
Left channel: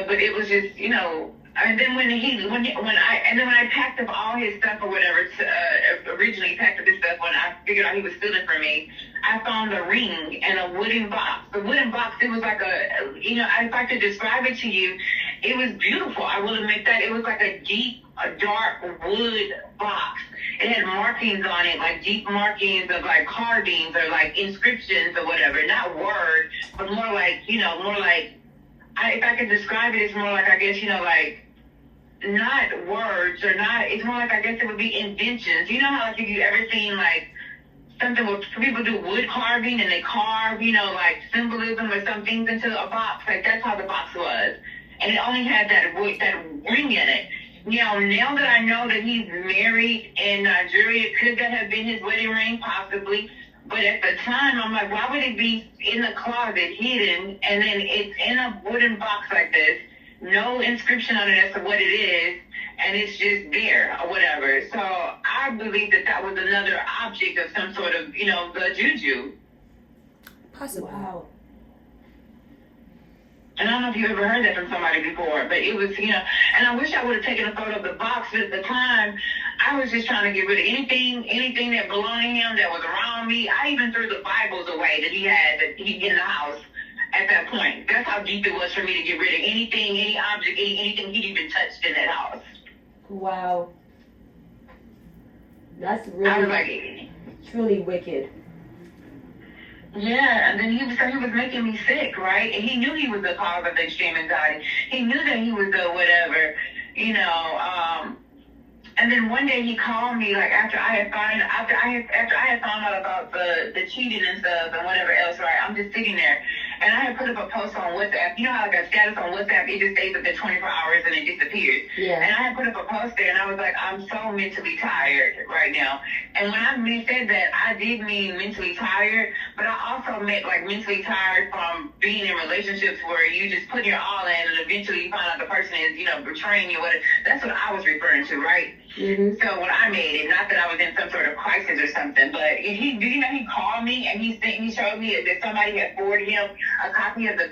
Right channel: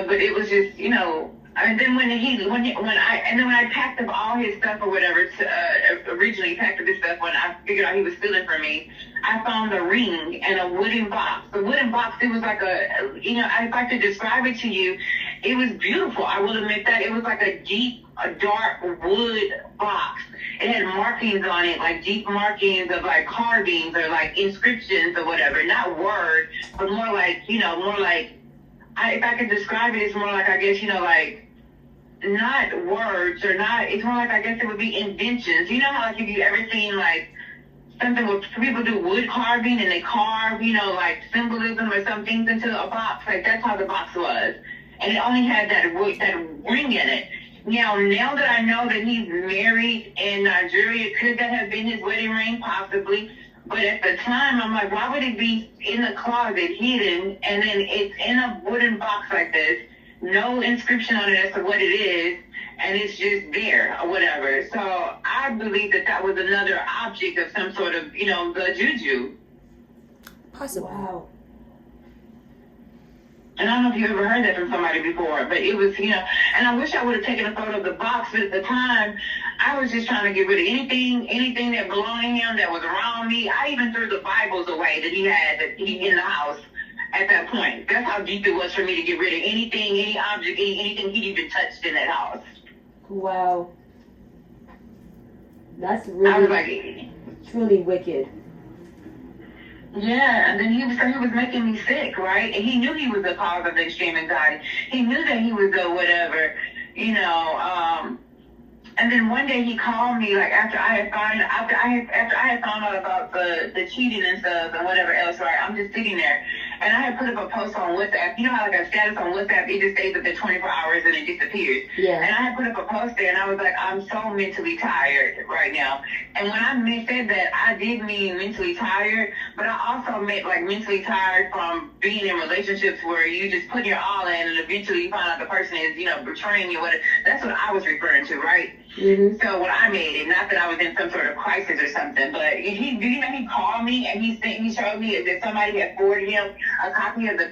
but it was just, and then when I packed up all his stuff or whatever, originally packed up his stuff when I figured out he was stealing from me, I found a ring and a wooden box. The wooden box, it was like if I could describe it to you, it was beautiful. I will admit that. It was like a dark wood box. It had markings on it, like deep markings of like carvings or like inscriptions or whatever. Not words, but more like, if I could describe it, it's more like, I guess, like, not words or not, it's more like, I guess it would be inventions. You know how, like, if you ever seen, like, something where people do wood carving and they carve, like symbolism or some things into a box, like that's how the box was. And it only had that ring in it. Now that I know that he's married in Nigeria, could that have been his wedding ring? Possibly. But at the time, I'm like, why would it be in the closet hidden and then it's in a wooden box like this, no inscription on it as to what it is, and it's just there or whatever. So I believe that was another object of some sort of, the juju. Possible. Wow. And I don't know if you ever heard that from somebody before, but it was, and I wish I would have taken a photo of the box, but at the time, I was just trying to get rid of anything that belonged to him that was around me. I even threw the Bibles away that he had in the house at that point. That's how deep it was for me to get rid of anything, any object, anything he'd even touched in that house. Wow. That's I was really, like, truly wicked. Yeah, and then he was making me sick, right? And he knew he was the cause of the extreme anxiety. He knew that he was the whatever, you know, and then one day he called me like after I had found out about the cheating and stuff and whatever else, right? I'm just sitting there, and I had put up a post on WhatsApp. You know how like a status on WhatsApp, it just stays up there 24 hours and it disappears. Yeah. And I had put up a post there, and I was like, I'm so mentally tired right now. And when I said that, I did mean mentally tired, but I also meant like mentally tired from being in relationships where you just put your all in, and eventually you find out the person is, you know, betraying you. Whatever. That's what I was referring to, right? Mm-hmm. So when I made it, not that I was in some sort of crisis or something, but he called me and he showed me that somebody had forwarded him a copy of the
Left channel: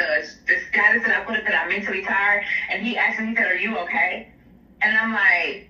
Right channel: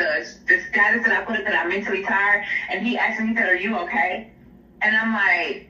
status that I put up that I'm mentally tired, and he said, "Are you okay?" And I'm like,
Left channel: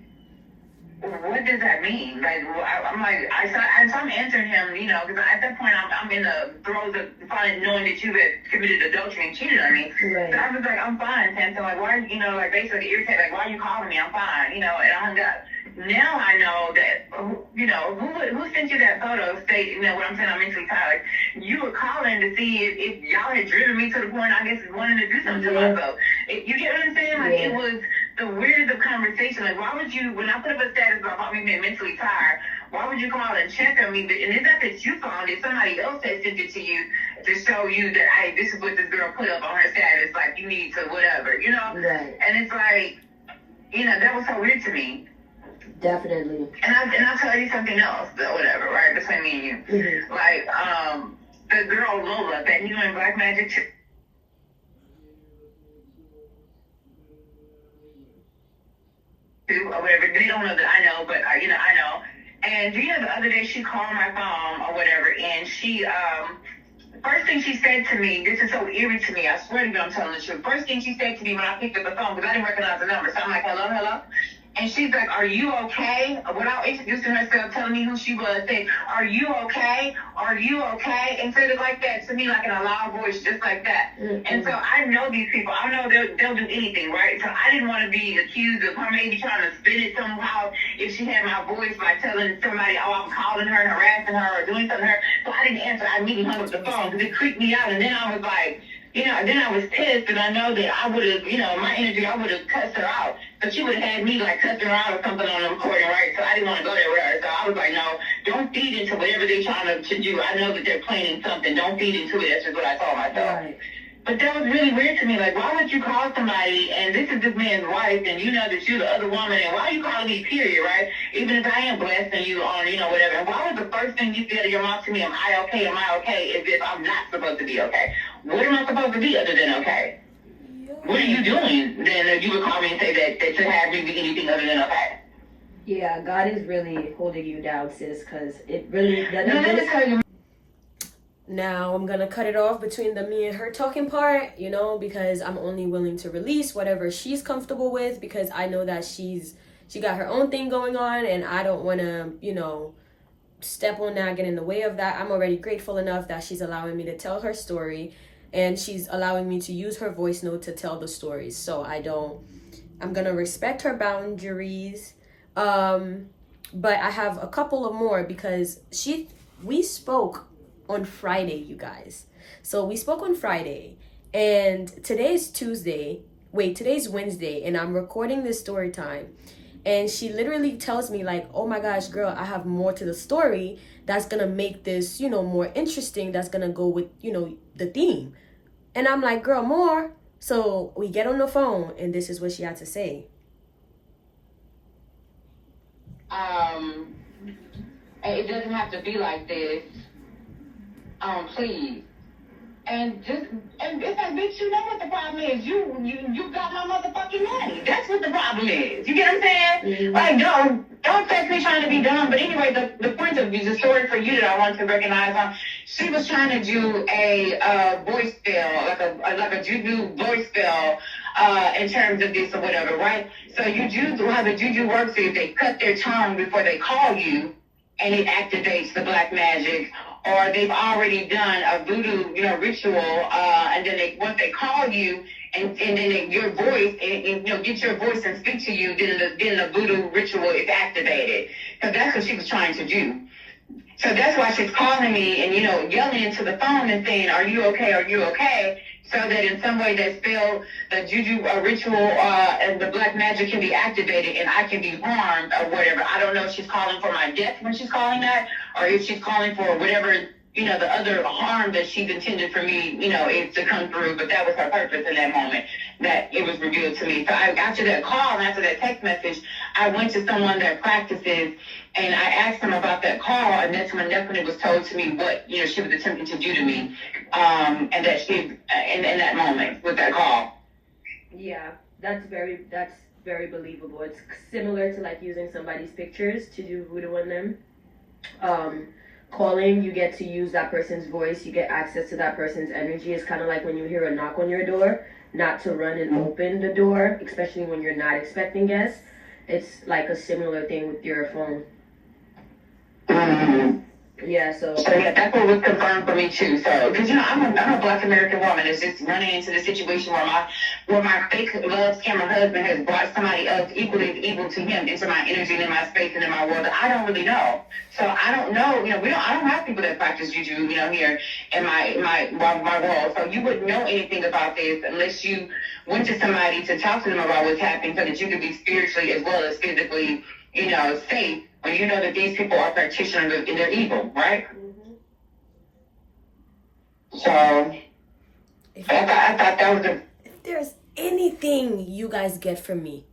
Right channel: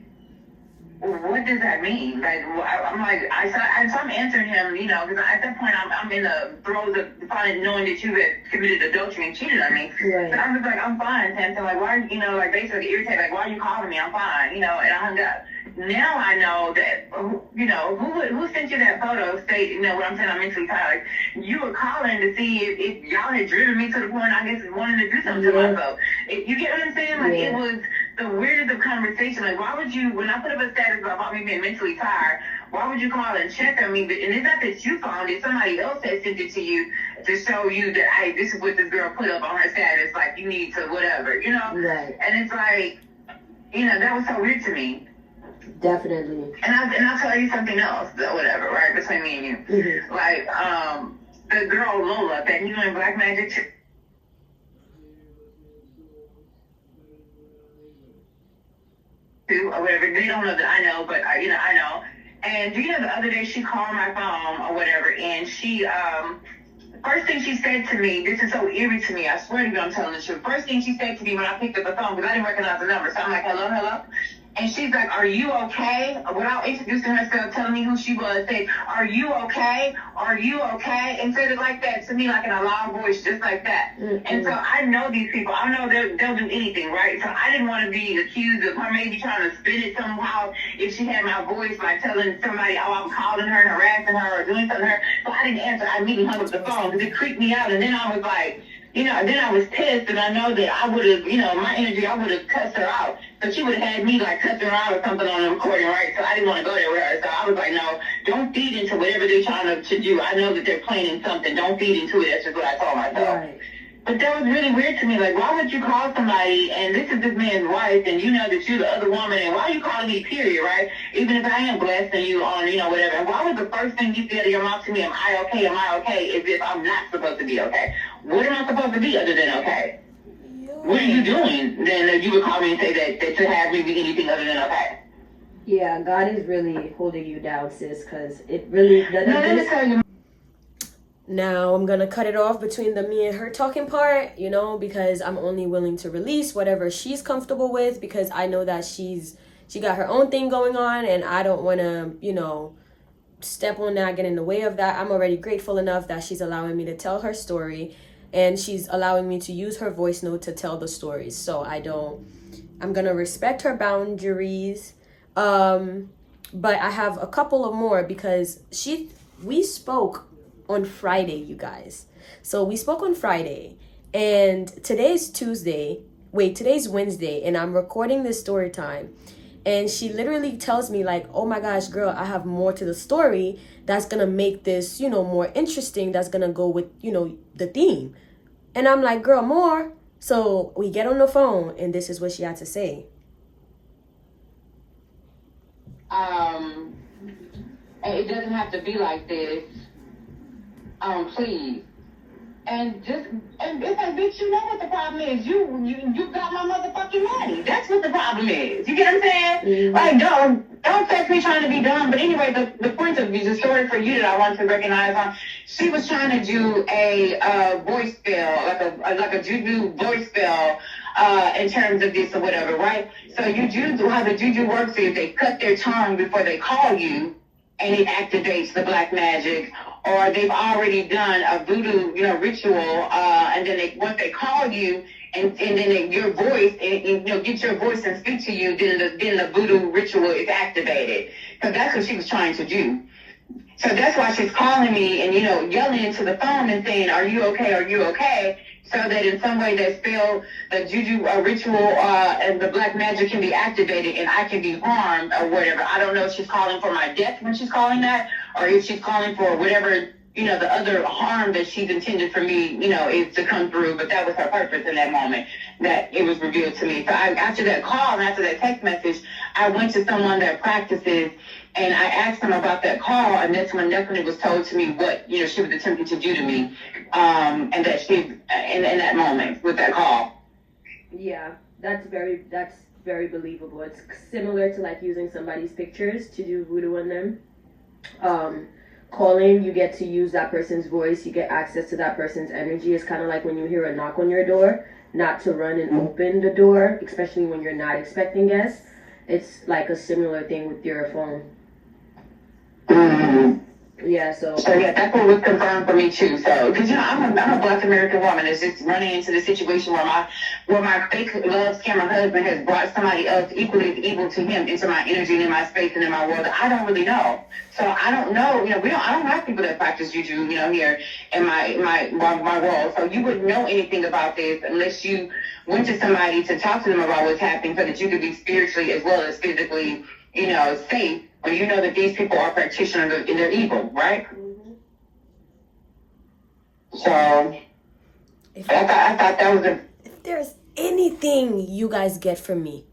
what does that mean? Like, I'm like, I'm answering him, you know, because at that point I'm in the throes of finally knowing that you had committed adultery and cheated on me. Right. So I was like, I'm fine, Sam. So like, why, you know, like basically irritated, like, why are you calling me? I'm fine, you know, and I hung up. Now I know that, you know, who sent you that photo state, you know, what I'm saying, I'm mentally tired. Like, you were calling to see if y'all had driven me to the point, I guess, of wanting to do something to myself. You get what I'm saying? Like, it was the weirdest of conversation. Like, why would you, when I put up a status about me being mentally tired, why would you call and check on me? And it's not that you found it, somebody else had sent it to you to show you that, hey, this is what this girl put up on her status, like, you need to whatever, you know? Right. And it's like, you know, that was so weird to me. Definitely. And I'll tell you something else, though, whatever, right, between me and you. Mm-hmm. Like, the girl Lola that you in Black Magic or whatever, they don't know that I know, but you know, I know. And you know, the other day she called my phone or whatever, and she first thing she said to me, this is so eerie to me, I swear to you, I'm telling the truth. First thing she said to me when I picked up the phone, because I didn't recognize the number, so I'm like, hello, hello. And she's like, are you okay? Without introducing herself, telling me who she was, said, are you okay? Are you okay? And said it like that to me, like in a loud voice, just like that. Mm-hmm. And so I know these people. I know they'll do anything, right? So I didn't want to be accused of her maybe trying to spin it somehow if she had my voice by telling somebody, oh, I'm calling her and harassing her or doing something to her. So I didn't answer. I immediately hung up the phone because it creeped me out. And then I was like, you know, then I was pissed, and I know that I would have, you know, my energy, I would have cussed her out. So she would have had me, like, cussing her out or something on the recording, right? So I didn't want to go there with her. So I was like, no, don't feed into whatever they're trying to do. I know that they're planning something. Don't feed into it. That's just what I told myself. Right. But that was really weird to me. Like, why would you call somebody, and this is this man's wife, and you know that you're the other woman, and why are you calling me, period, right? Even if I am blessing you on, you know, whatever. And why was the first thing you said to your mouth to me, am I okay, as if I'm not supposed to be okay? What am I supposed to be other than okay? What are you doing then that you would call me and say that to have me be anything other than okay? Yeah, God is really holding you down, sis, because it really doesn't. No, let me tell you. Now I'm gonna cut it off between the me and her talking part, you know, because I'm only willing to release whatever she's comfortable with, because I know that she got her own thing going on, and I don't want to, you know, step on that, get in the way of that. I'm already grateful enough that she's allowing me to tell her story, and she's allowing me to use her voice note to tell the stories. So I'm gonna respect her boundaries. But I have a couple of more, because we spoke on Friday, you guys. So we spoke on Friday, and today's Wednesday, and I'm recording this story time. And she literally tells me, like, oh my gosh, girl, I have more to the story that's gonna make this, you know, more interesting, that's gonna go with, you know, the theme. And I'm like, girl, more? So we get on the phone, and this is what she had to say. It doesn't have to be like this. Please. And it's like, bitch, you know what the problem is. You got my motherfucking money. That's what the problem is. You get what I'm saying? Mm-hmm. Like, don't text me trying to be dumb. But anyway, the point of the story for you that I want to recognize, she was trying to do a voice spell, like a juju voice spell, in terms of this or whatever, right? So how the juju works is they cut their tongue before they call you, and it activates the black magic. Or they've already done a voodoo, you know, ritual, and then once they call you, and then your voice, and you know, get your voice and speak to you, then the voodoo ritual is activated. Because that's what she was trying to do. So that's why she's calling me and, you know, yelling into the phone and saying, are you okay? Are you okay? so that in some way that spell, a juju, a ritual, and the black magic can be activated and I can be harmed or whatever. I don't know if she's calling for my death when she's calling that, or if she's calling for whatever, the other harm that she's intended for me, is to come through. But that was her purpose in that moment, that it was revealed to me. So after that call and after that text message, I went to someone that practices, and I asked them about that call, and that's when it was told to me what, she was attempting to do to me, and that she, in that moment with that call. Yeah, that's very believable. It's similar to like using somebody's pictures to do voodoo on them. Calling, you get to use that person's voice, you get access to that person's energy. It's kind of like when you hear a knock on your door, not to run and open the door, especially when you're not expecting guests. It's like a similar thing with your phone. Yeah, so yeah, that's what was confirmed for me too. So, because I'm a Black American woman. It's just running into the situation where my fake love scammer husband has brought somebody else equally evil to him into my energy and in my space and in my world. I don't really know. So I don't know. I don't have people that practice juju, here in my world. So you wouldn't know anything about this unless you went to somebody to talk to them about what's happening, so that you could be spiritually as well as physically, safe. When you know that these people are practitioners and they're evil, right? So, I thought that was if there's anything you guys get from me,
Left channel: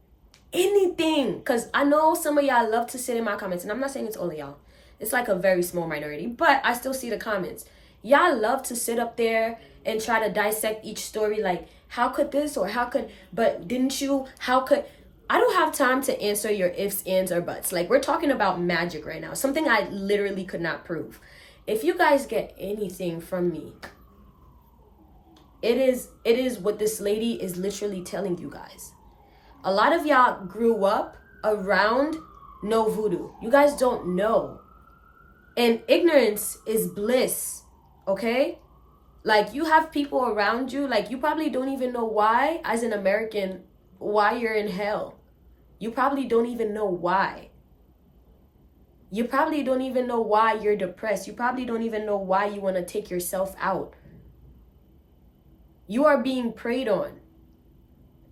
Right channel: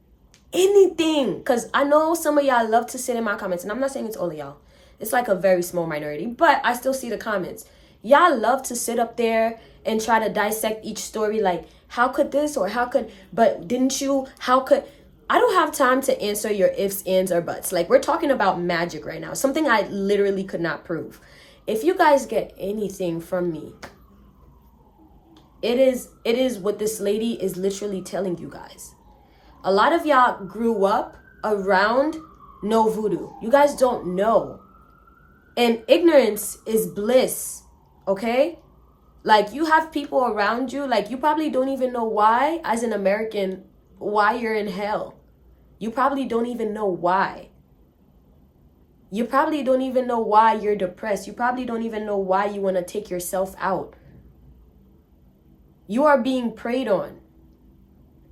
anything, because I know some of y'all love to sit in my comments, and I'm not saying it's all of y'all. It's like a very small minority, but I still see the comments. Y'all love to sit up there and try to dissect each story, like, how could this, or how could, but didn't you, how could... I don't have time to answer your ifs, ands, or buts. Like, we're talking about magic right now. Something I literally could not prove. If you guys get anything from me, it is what this lady is literally telling you guys. A lot of y'all grew up around no voodoo. You guys don't know. And ignorance is bliss, okay? Like, you have people around you, like, you probably don't even know why, as an American, why you're in hell. You probably don't even know why. You probably don't even know why you're depressed. You probably don't even know why you want to take yourself out. You are being preyed on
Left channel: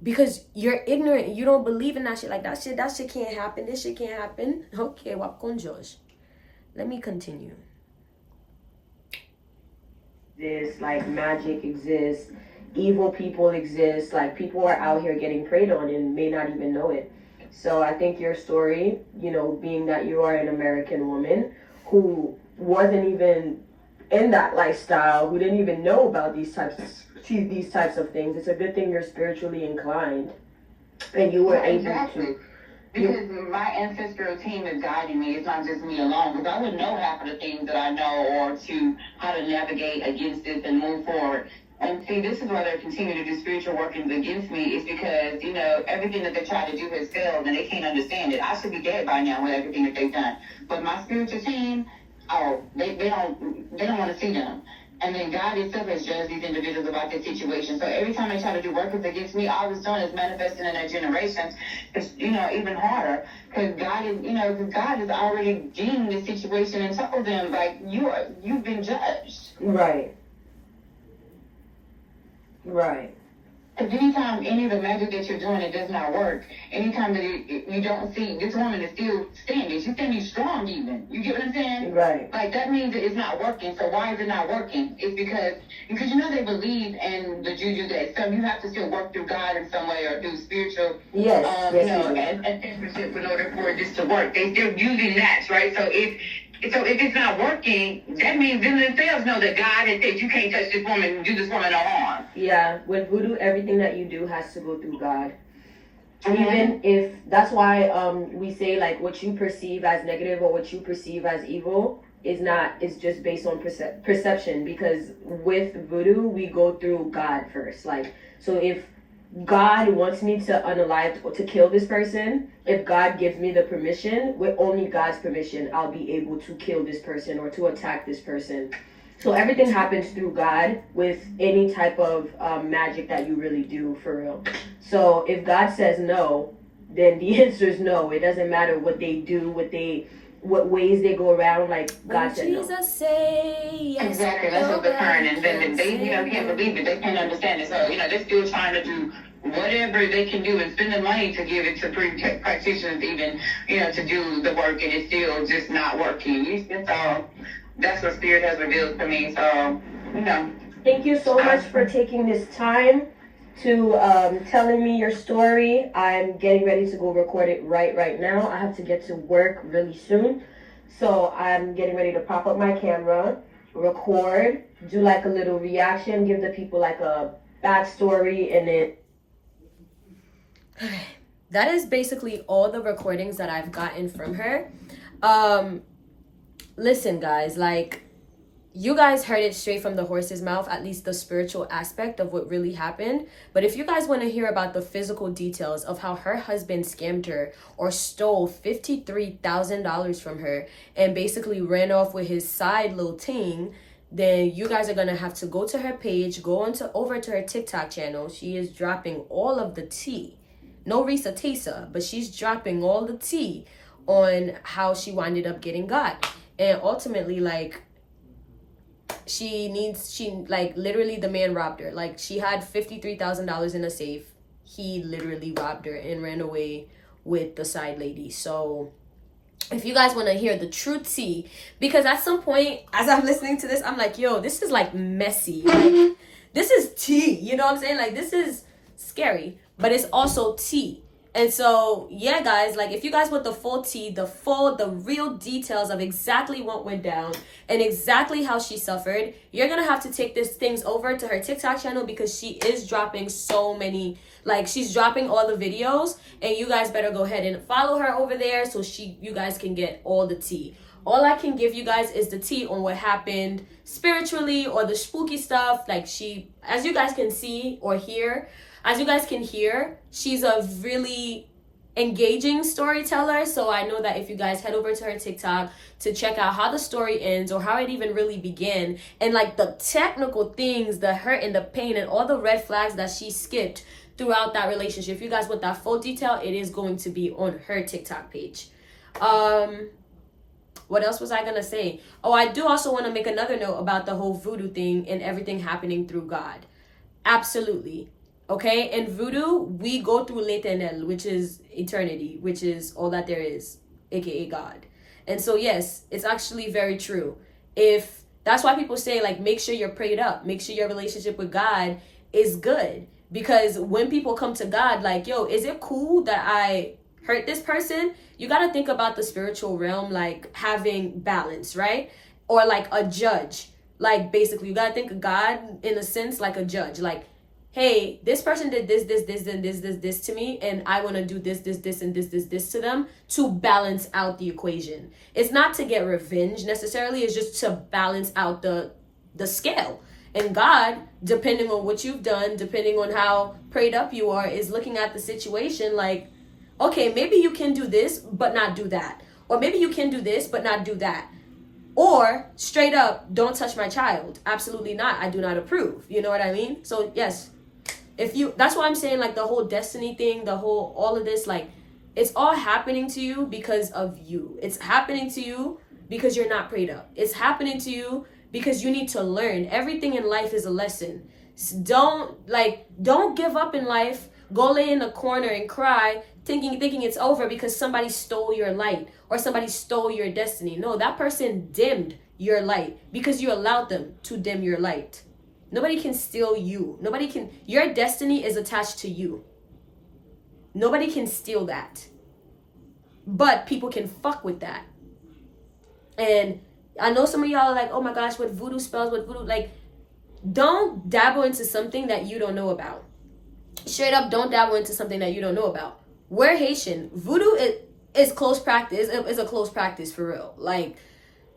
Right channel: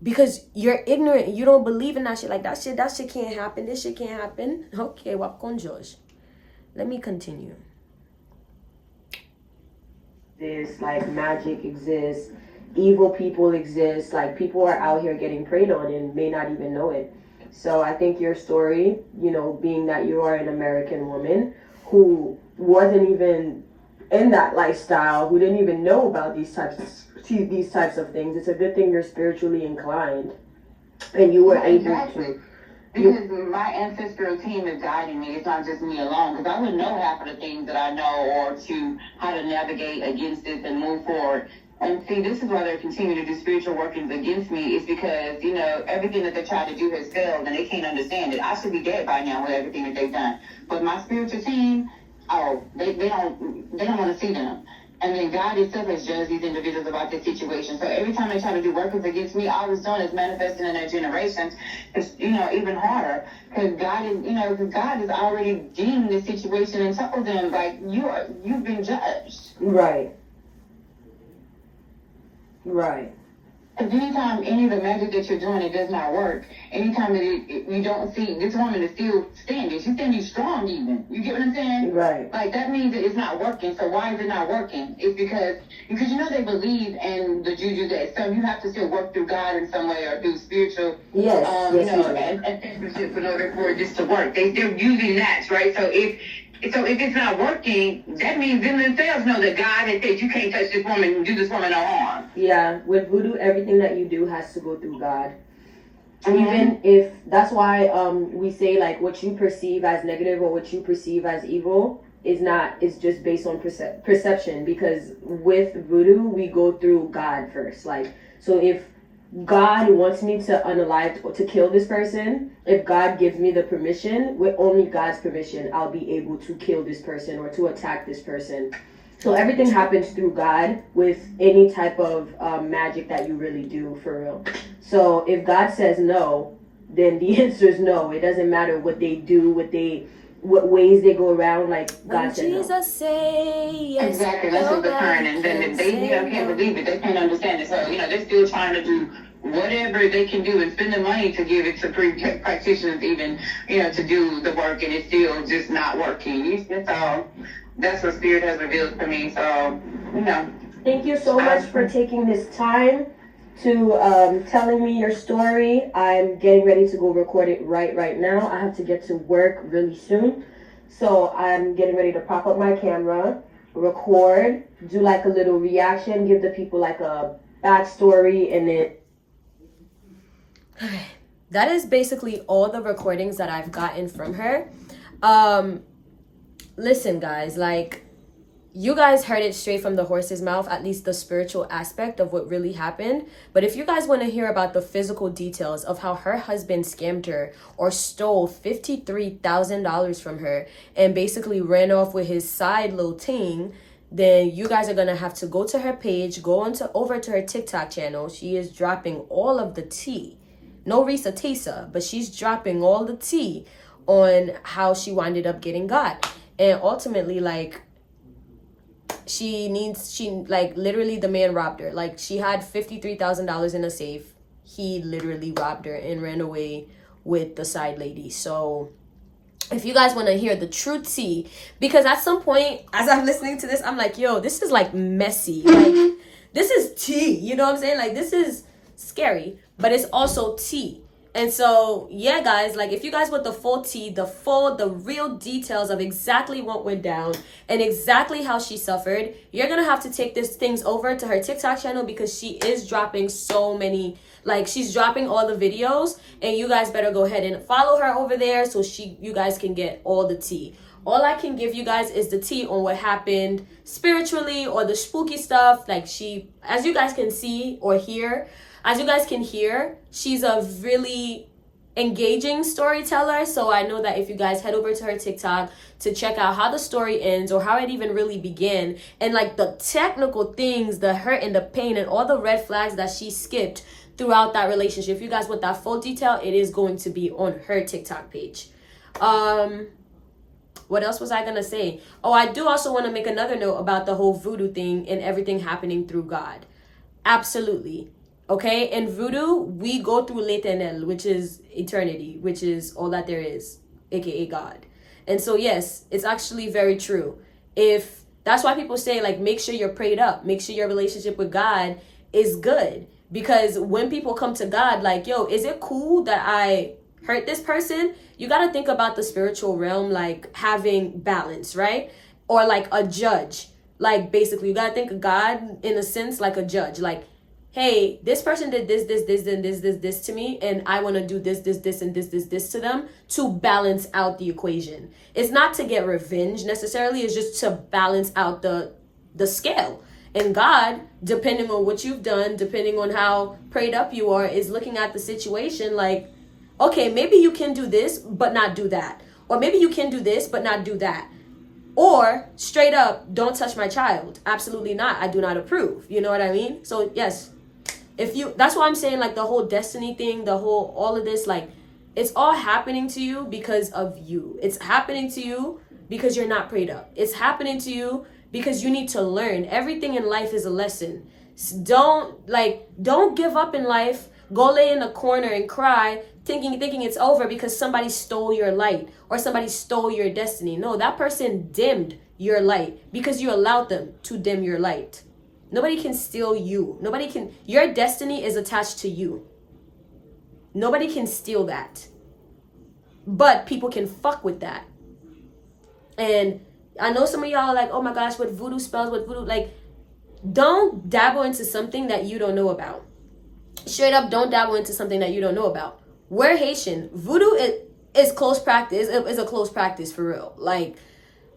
because you're ignorant. You don't believe in that shit. Like, that shit can't happen. This shit can't happen. Okay, wap con Josh. Let me continue. This, like, magic exists. Evil people exist. Like, people are out here getting preyed on and may not even know it. So I think your story, being that you are an American woman who wasn't even in that lifestyle, who didn't even know about these types of things, it's a good thing you're spiritually inclined and you were able to. Because my ancestral team is guiding me. It's not just me alone. Because I wouldn't know half of the things that I know, or to how to navigate against this and move forward. And see, this is why they're continuing to do spiritual workings against me, is because, everything that they tried to do has failed and they can't understand it. I should be dead by now with everything that they've done. But my spiritual team, they don't want to see them. And then God itself has judged these individuals about this situation. So every time they try to do workings against me, all it's done is manifesting in their generations. It's, even harder. Because God has already deemed this situation and told them, like, you've been judged. Right. Right. Anytime any of the magic that you're doing, it does not work. Anytime that you don't see, this woman is still standing. She's standing strong even. You get what I'm saying? Right. Like, that means that it's not working. So why is it not working? It's because they believe in the juju that some you have to still work through God in some way, or through spiritual, yes, and in order for this to work. They're using that, right? So if it's not working, that means them themselves know that God has said you can't touch this woman and do this woman no harm. Yeah, with voodoo, everything that you do has to go through God. Mm-hmm. Even if, that's why we say, like, what you perceive as negative or what you perceive as evil it's just based on perception. Because with voodoo, we go through God first. Like, so if God wants me to unalive or to kill this person, if God gives me the permission, with only God's permission, I'll be able to kill this person or to attack this person. So everything happens through God with any type of magic that you really do, for real. So if God says no, then the answer is no. It doesn't matter what they do, what ways they go around, like When God said no. Jesus say yes, Exactly, that's what the nobody current, and then can they, say can't no. believe it. They can't understand it. So, they're still trying to do whatever they can do and spend the money to give it to practitioners even, to do the work, and it's still just not working. So that's what Spirit has revealed to me. So, Thank you so much for taking this time to telling me your story. I'm getting ready to go record it right now. I have to get to work really soon. So I'm getting ready to pop up my camera, record, do like a little reaction, give the people like a backstory, and then That is basically all the recordings that I've gotten from her. Listen, guys, like, you guys heard it straight from the horse's mouth, at least the spiritual aspect of what really happened. But if you guys want to hear about the physical details of how her husband scammed her or stole $53,000 from her and basically ran off with his side little ting, then you guys are going to have to go to her page, over to her TikTok channel. She is dropping all of the tea. No Risa Tisa, but she's dropping all the tea on how she winded up getting got. And ultimately, like, literally the man robbed her. Like, she had $53,000 in a safe. He literally robbed her and ran away with the side lady. So if you guys want to hear the true tea, because at some point as I'm listening to this, I'm like, yo, this is like messy. Like, this is tea, you know what I'm saying? Like, this is scary, but it's also tea. And so, yeah, guys, like, if you guys want the full tea, the real details of exactly what went down and exactly how she suffered, you're going to have to take these things over to her TikTok channel, because she is dropping so many, like, she's dropping all the videos, and you guys better go ahead and follow her over there so you guys can get all the tea. All I can give you guys is the tea on what happened spiritually or the spooky stuff. Like, as you guys can see or hear, she's a really engaging storyteller. So I know that if you guys head over to her TikTok to check out how the story ends or how it even really began, and like the technical things, the hurt and the pain and all the red flags that she skipped throughout that relationship, if you guys want that full detail, it is going to be on her TikTok page. What else was I gonna say? Oh, I do also want to make another note about the whole voodoo thing and everything happening through God. Absolutely. Okay, in voodoo, we go through l'Eternel, which is eternity, which is all that there is, aka God. And so, yes, it's actually very true. That's why people say, like, make sure you're prayed up, make sure your relationship with God is good. Because when people come to God, like, yo, is it cool that I hurt this person? You got to think about the spiritual realm, like having balance, right? Or like a judge. Like, basically, you got to think of God in a sense like a judge. Like, hey, this person did this, and this to me, and I want to do this, and this to them to balance out the equation. It's not to get revenge necessarily. It's just to balance out the scale. And God, depending on what you've done, depending on how prayed up you are, is looking at the situation like, okay, maybe you can do this, but not do that. Or maybe you can do this, but not do that. Or straight up, don't touch my child. Absolutely not. I do not approve. You know what I mean? So yes, that's why I'm saying, like, the whole destiny thing, all of this, like, it's all happening to you because of you. It's happening to you because you're not prayed up. It's happening to you because you need to learn. Everything in life is a lesson. Don't give up in life. Go lay in a corner and cry, thinking it's over because somebody stole your light or somebody stole your destiny. No, that person dimmed your light because you allowed them to dim your light. Nobody can steal you. Your destiny is attached to you. Nobody can steal that. But people can fuck with that. And I know some of y'all are like, oh my gosh, what voodoo spells, like, don't dabble into something that you don't know about. Straight up, don't dabble into something that you don't know about. We're Haitian. Voodoo is close practice. It's a close practice for real. Like,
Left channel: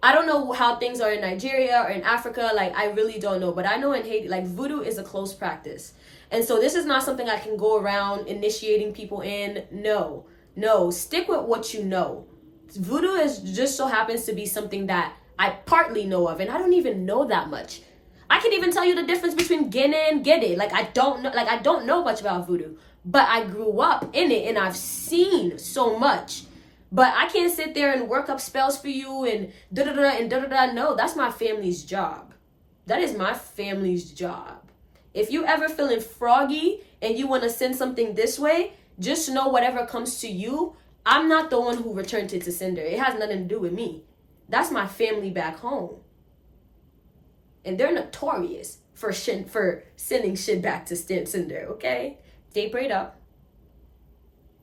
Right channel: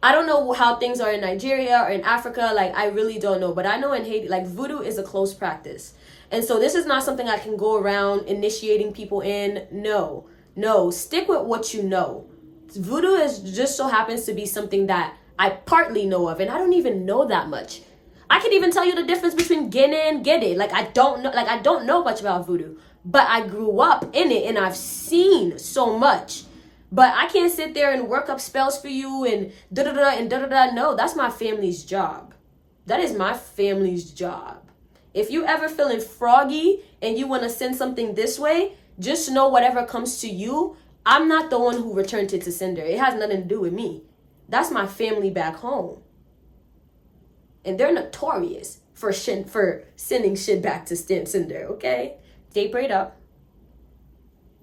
I don't know how things are in Nigeria or in Africa. Like, I really don't know. But I know in Haiti, like, voodoo is a close practice. And so this is not something I can go around initiating people in. No. Stick with what you know. Voodoo just so happens to be something that I partly know of. And I don't even know that much. I can even tell you the difference between Gene and Gede. Like, I don't know much about voodoo. But I grew up in it and I've seen so much. But I can't sit there and work up spells for you and da-da-da and da-da-da. No, that's my family's job. That is my family's job. If you ever feeling froggy and you want to send something this way, just know whatever comes to you, I'm not the one who returned it to sender. It has nothing to do with me. That's my family back home. And they're notorious for sending shit back to sender, okay? Stay prayed up.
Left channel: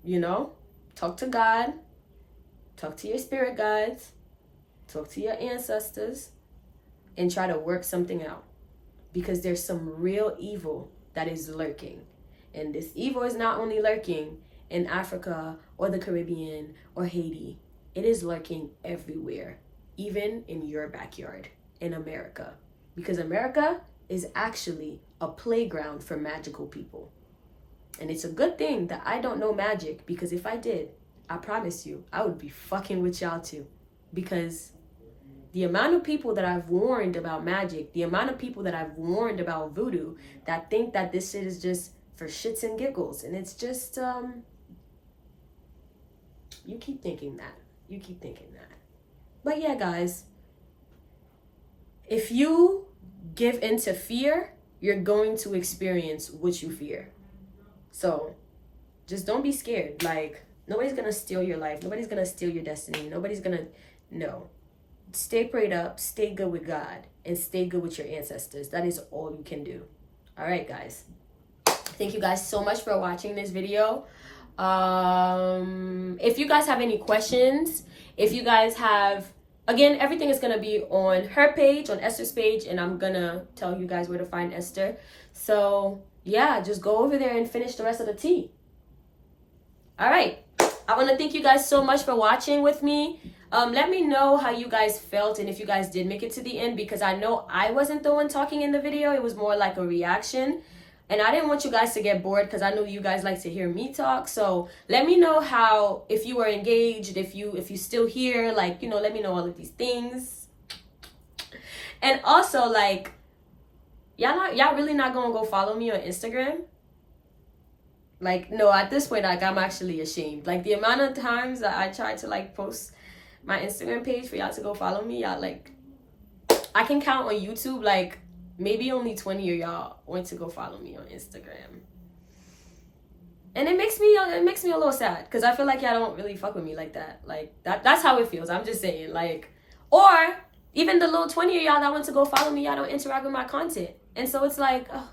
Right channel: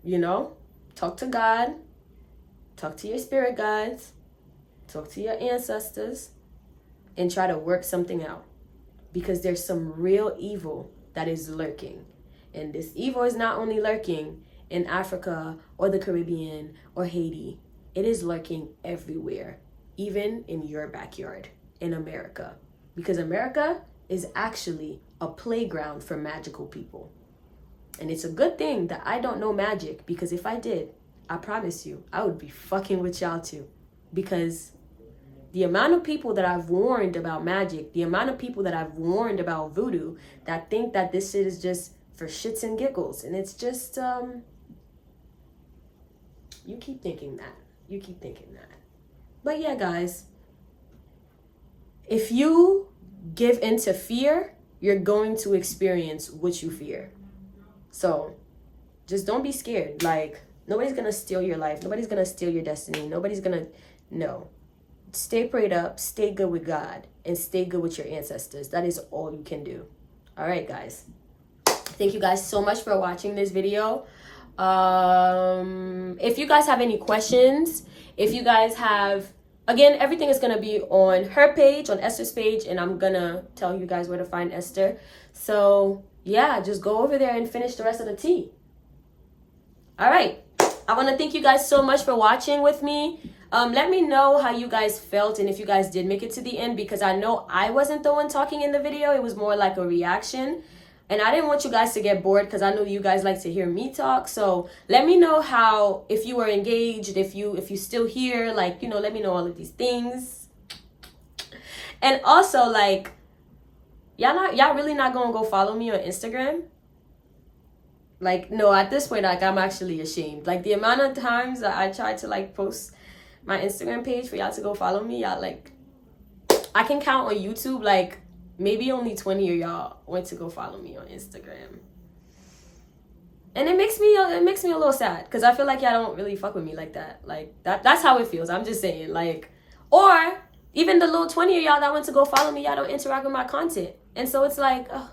You know? Talk to God. Talk to your spirit guides. Talk to your ancestors. And try to work something out. Because there's some real evil that is lurking. And this evil is not only lurking in Africa or the Caribbean or Haiti. It is lurking everywhere. Even in your backyard in America. Because America is actually a playground for magical people. And it's a good thing that I don't know magic, because if I did, I promise you, I would be fucking with y'all too. Because the amount of people that I've warned about magic, the amount of people that I've warned about voodoo that think that this shit is just for shits and giggles. And it's just, you keep thinking that. You keep thinking that. But yeah, guys, if you give into fear, you're going to experience what you fear. So just don't be scared. Like, nobody's going to steal your life. Nobody's going to steal your destiny. Nobody's going to, no. Stay prayed up, stay good with God, and stay good with your ancestors. That is all you can do. All right, guys. Thank you guys so much for watching this video. If you guys have any questions, if you guys have, again, everything is going to be on her page, on Esther's page, and I'm going to tell you guys where to find Esther. So, yeah, just go over there and finish the rest of the tea. All right. I want to thank you guys so much for watching with me. Let me know how you guys felt and if you guys did make it to the end, because I know I wasn't the one talking in the video. It was more like a reaction. And I didn't want you guys to get bored, because I know you guys like to hear me talk. So let me know how, if you were engaged, if you still here, like, you know, let me know all of these things. And also, like, y'all really not gonna go follow me on Instagram? Like, no, at this point, like, I'm actually ashamed. Like, the amount of times that I tried to, like, post my Instagram page for y'all to go follow me, y'all, like, I can count on YouTube, like, maybe only 20 of y'all went to go follow me on Instagram. And it makes me a little sad, because I feel like y'all don't really fuck with me like that. Like, that's how it feels. I'm just saying, like, or even the little 20 of y'all that went to go follow me, y'all don't interact with my content. And so it's like, oh,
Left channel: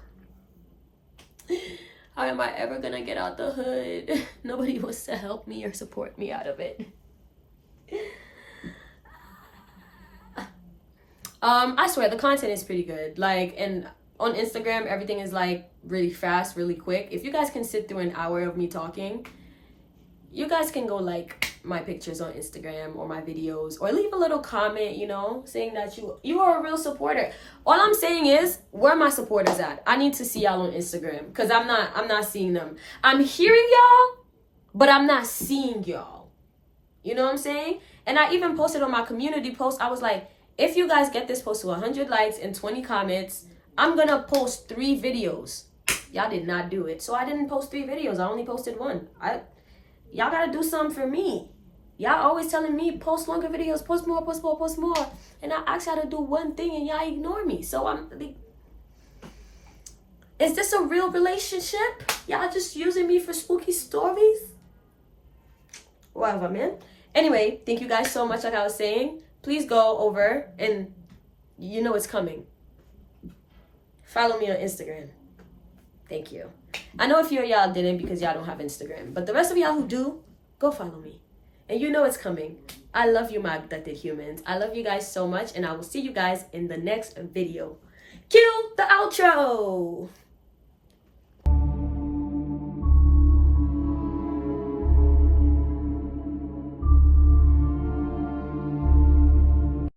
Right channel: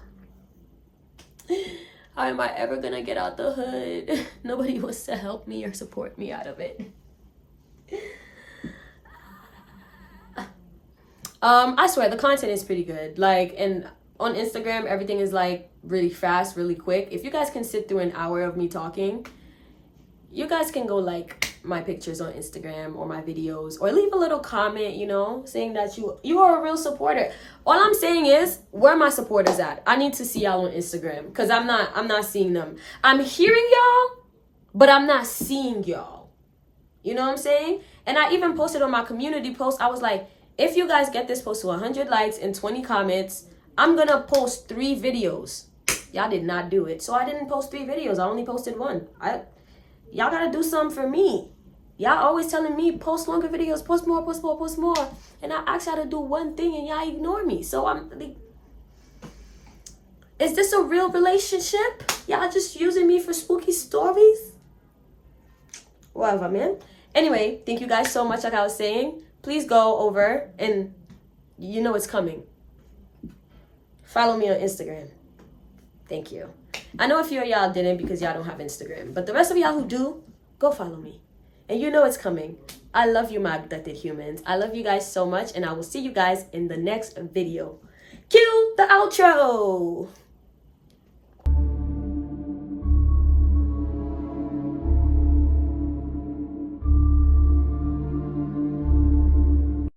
how am I ever gonna get out the hood? Nobody wants to help me or support me out of it. I swear the content is pretty good. Like, and on Instagram, everything is like really fast, really quick. If you guys can sit through an hour of me talking, you guys can go like my pictures on Instagram or my videos, or leave a little comment, you know, saying that you are a real supporter. All I'm saying is, where are my supporters at? I need to see y'all on Instagram, because I'm not seeing them. I'm hearing y'all, but I'm not seeing y'all. You know what I'm saying? And I even posted on my community post, I was like, if you guys get this post to 100 likes and 20 comments, I'm gonna post 3 videos. Y'all did not do it. So I didn't post 3 videos. I only posted 1. Y'all gotta do something for me. Y'all always telling me, post longer videos, post more, post more, post more. And I ask y'all to do one thing and y'all ignore me. So is this a real relationship? Y'all just using me for spooky stories? Whatever, man. Anyway, thank you guys so much. Like I was saying, please go over and you know it's coming. Follow me on Instagram. Thank you. I know a few of y'all didn't because y'all don't have Instagram, but the rest of y'all who do, go follow me. And you know it's coming. I love you, my abducted humans. I love you guys so much, and I will see you guys in the next video. Cue the outro.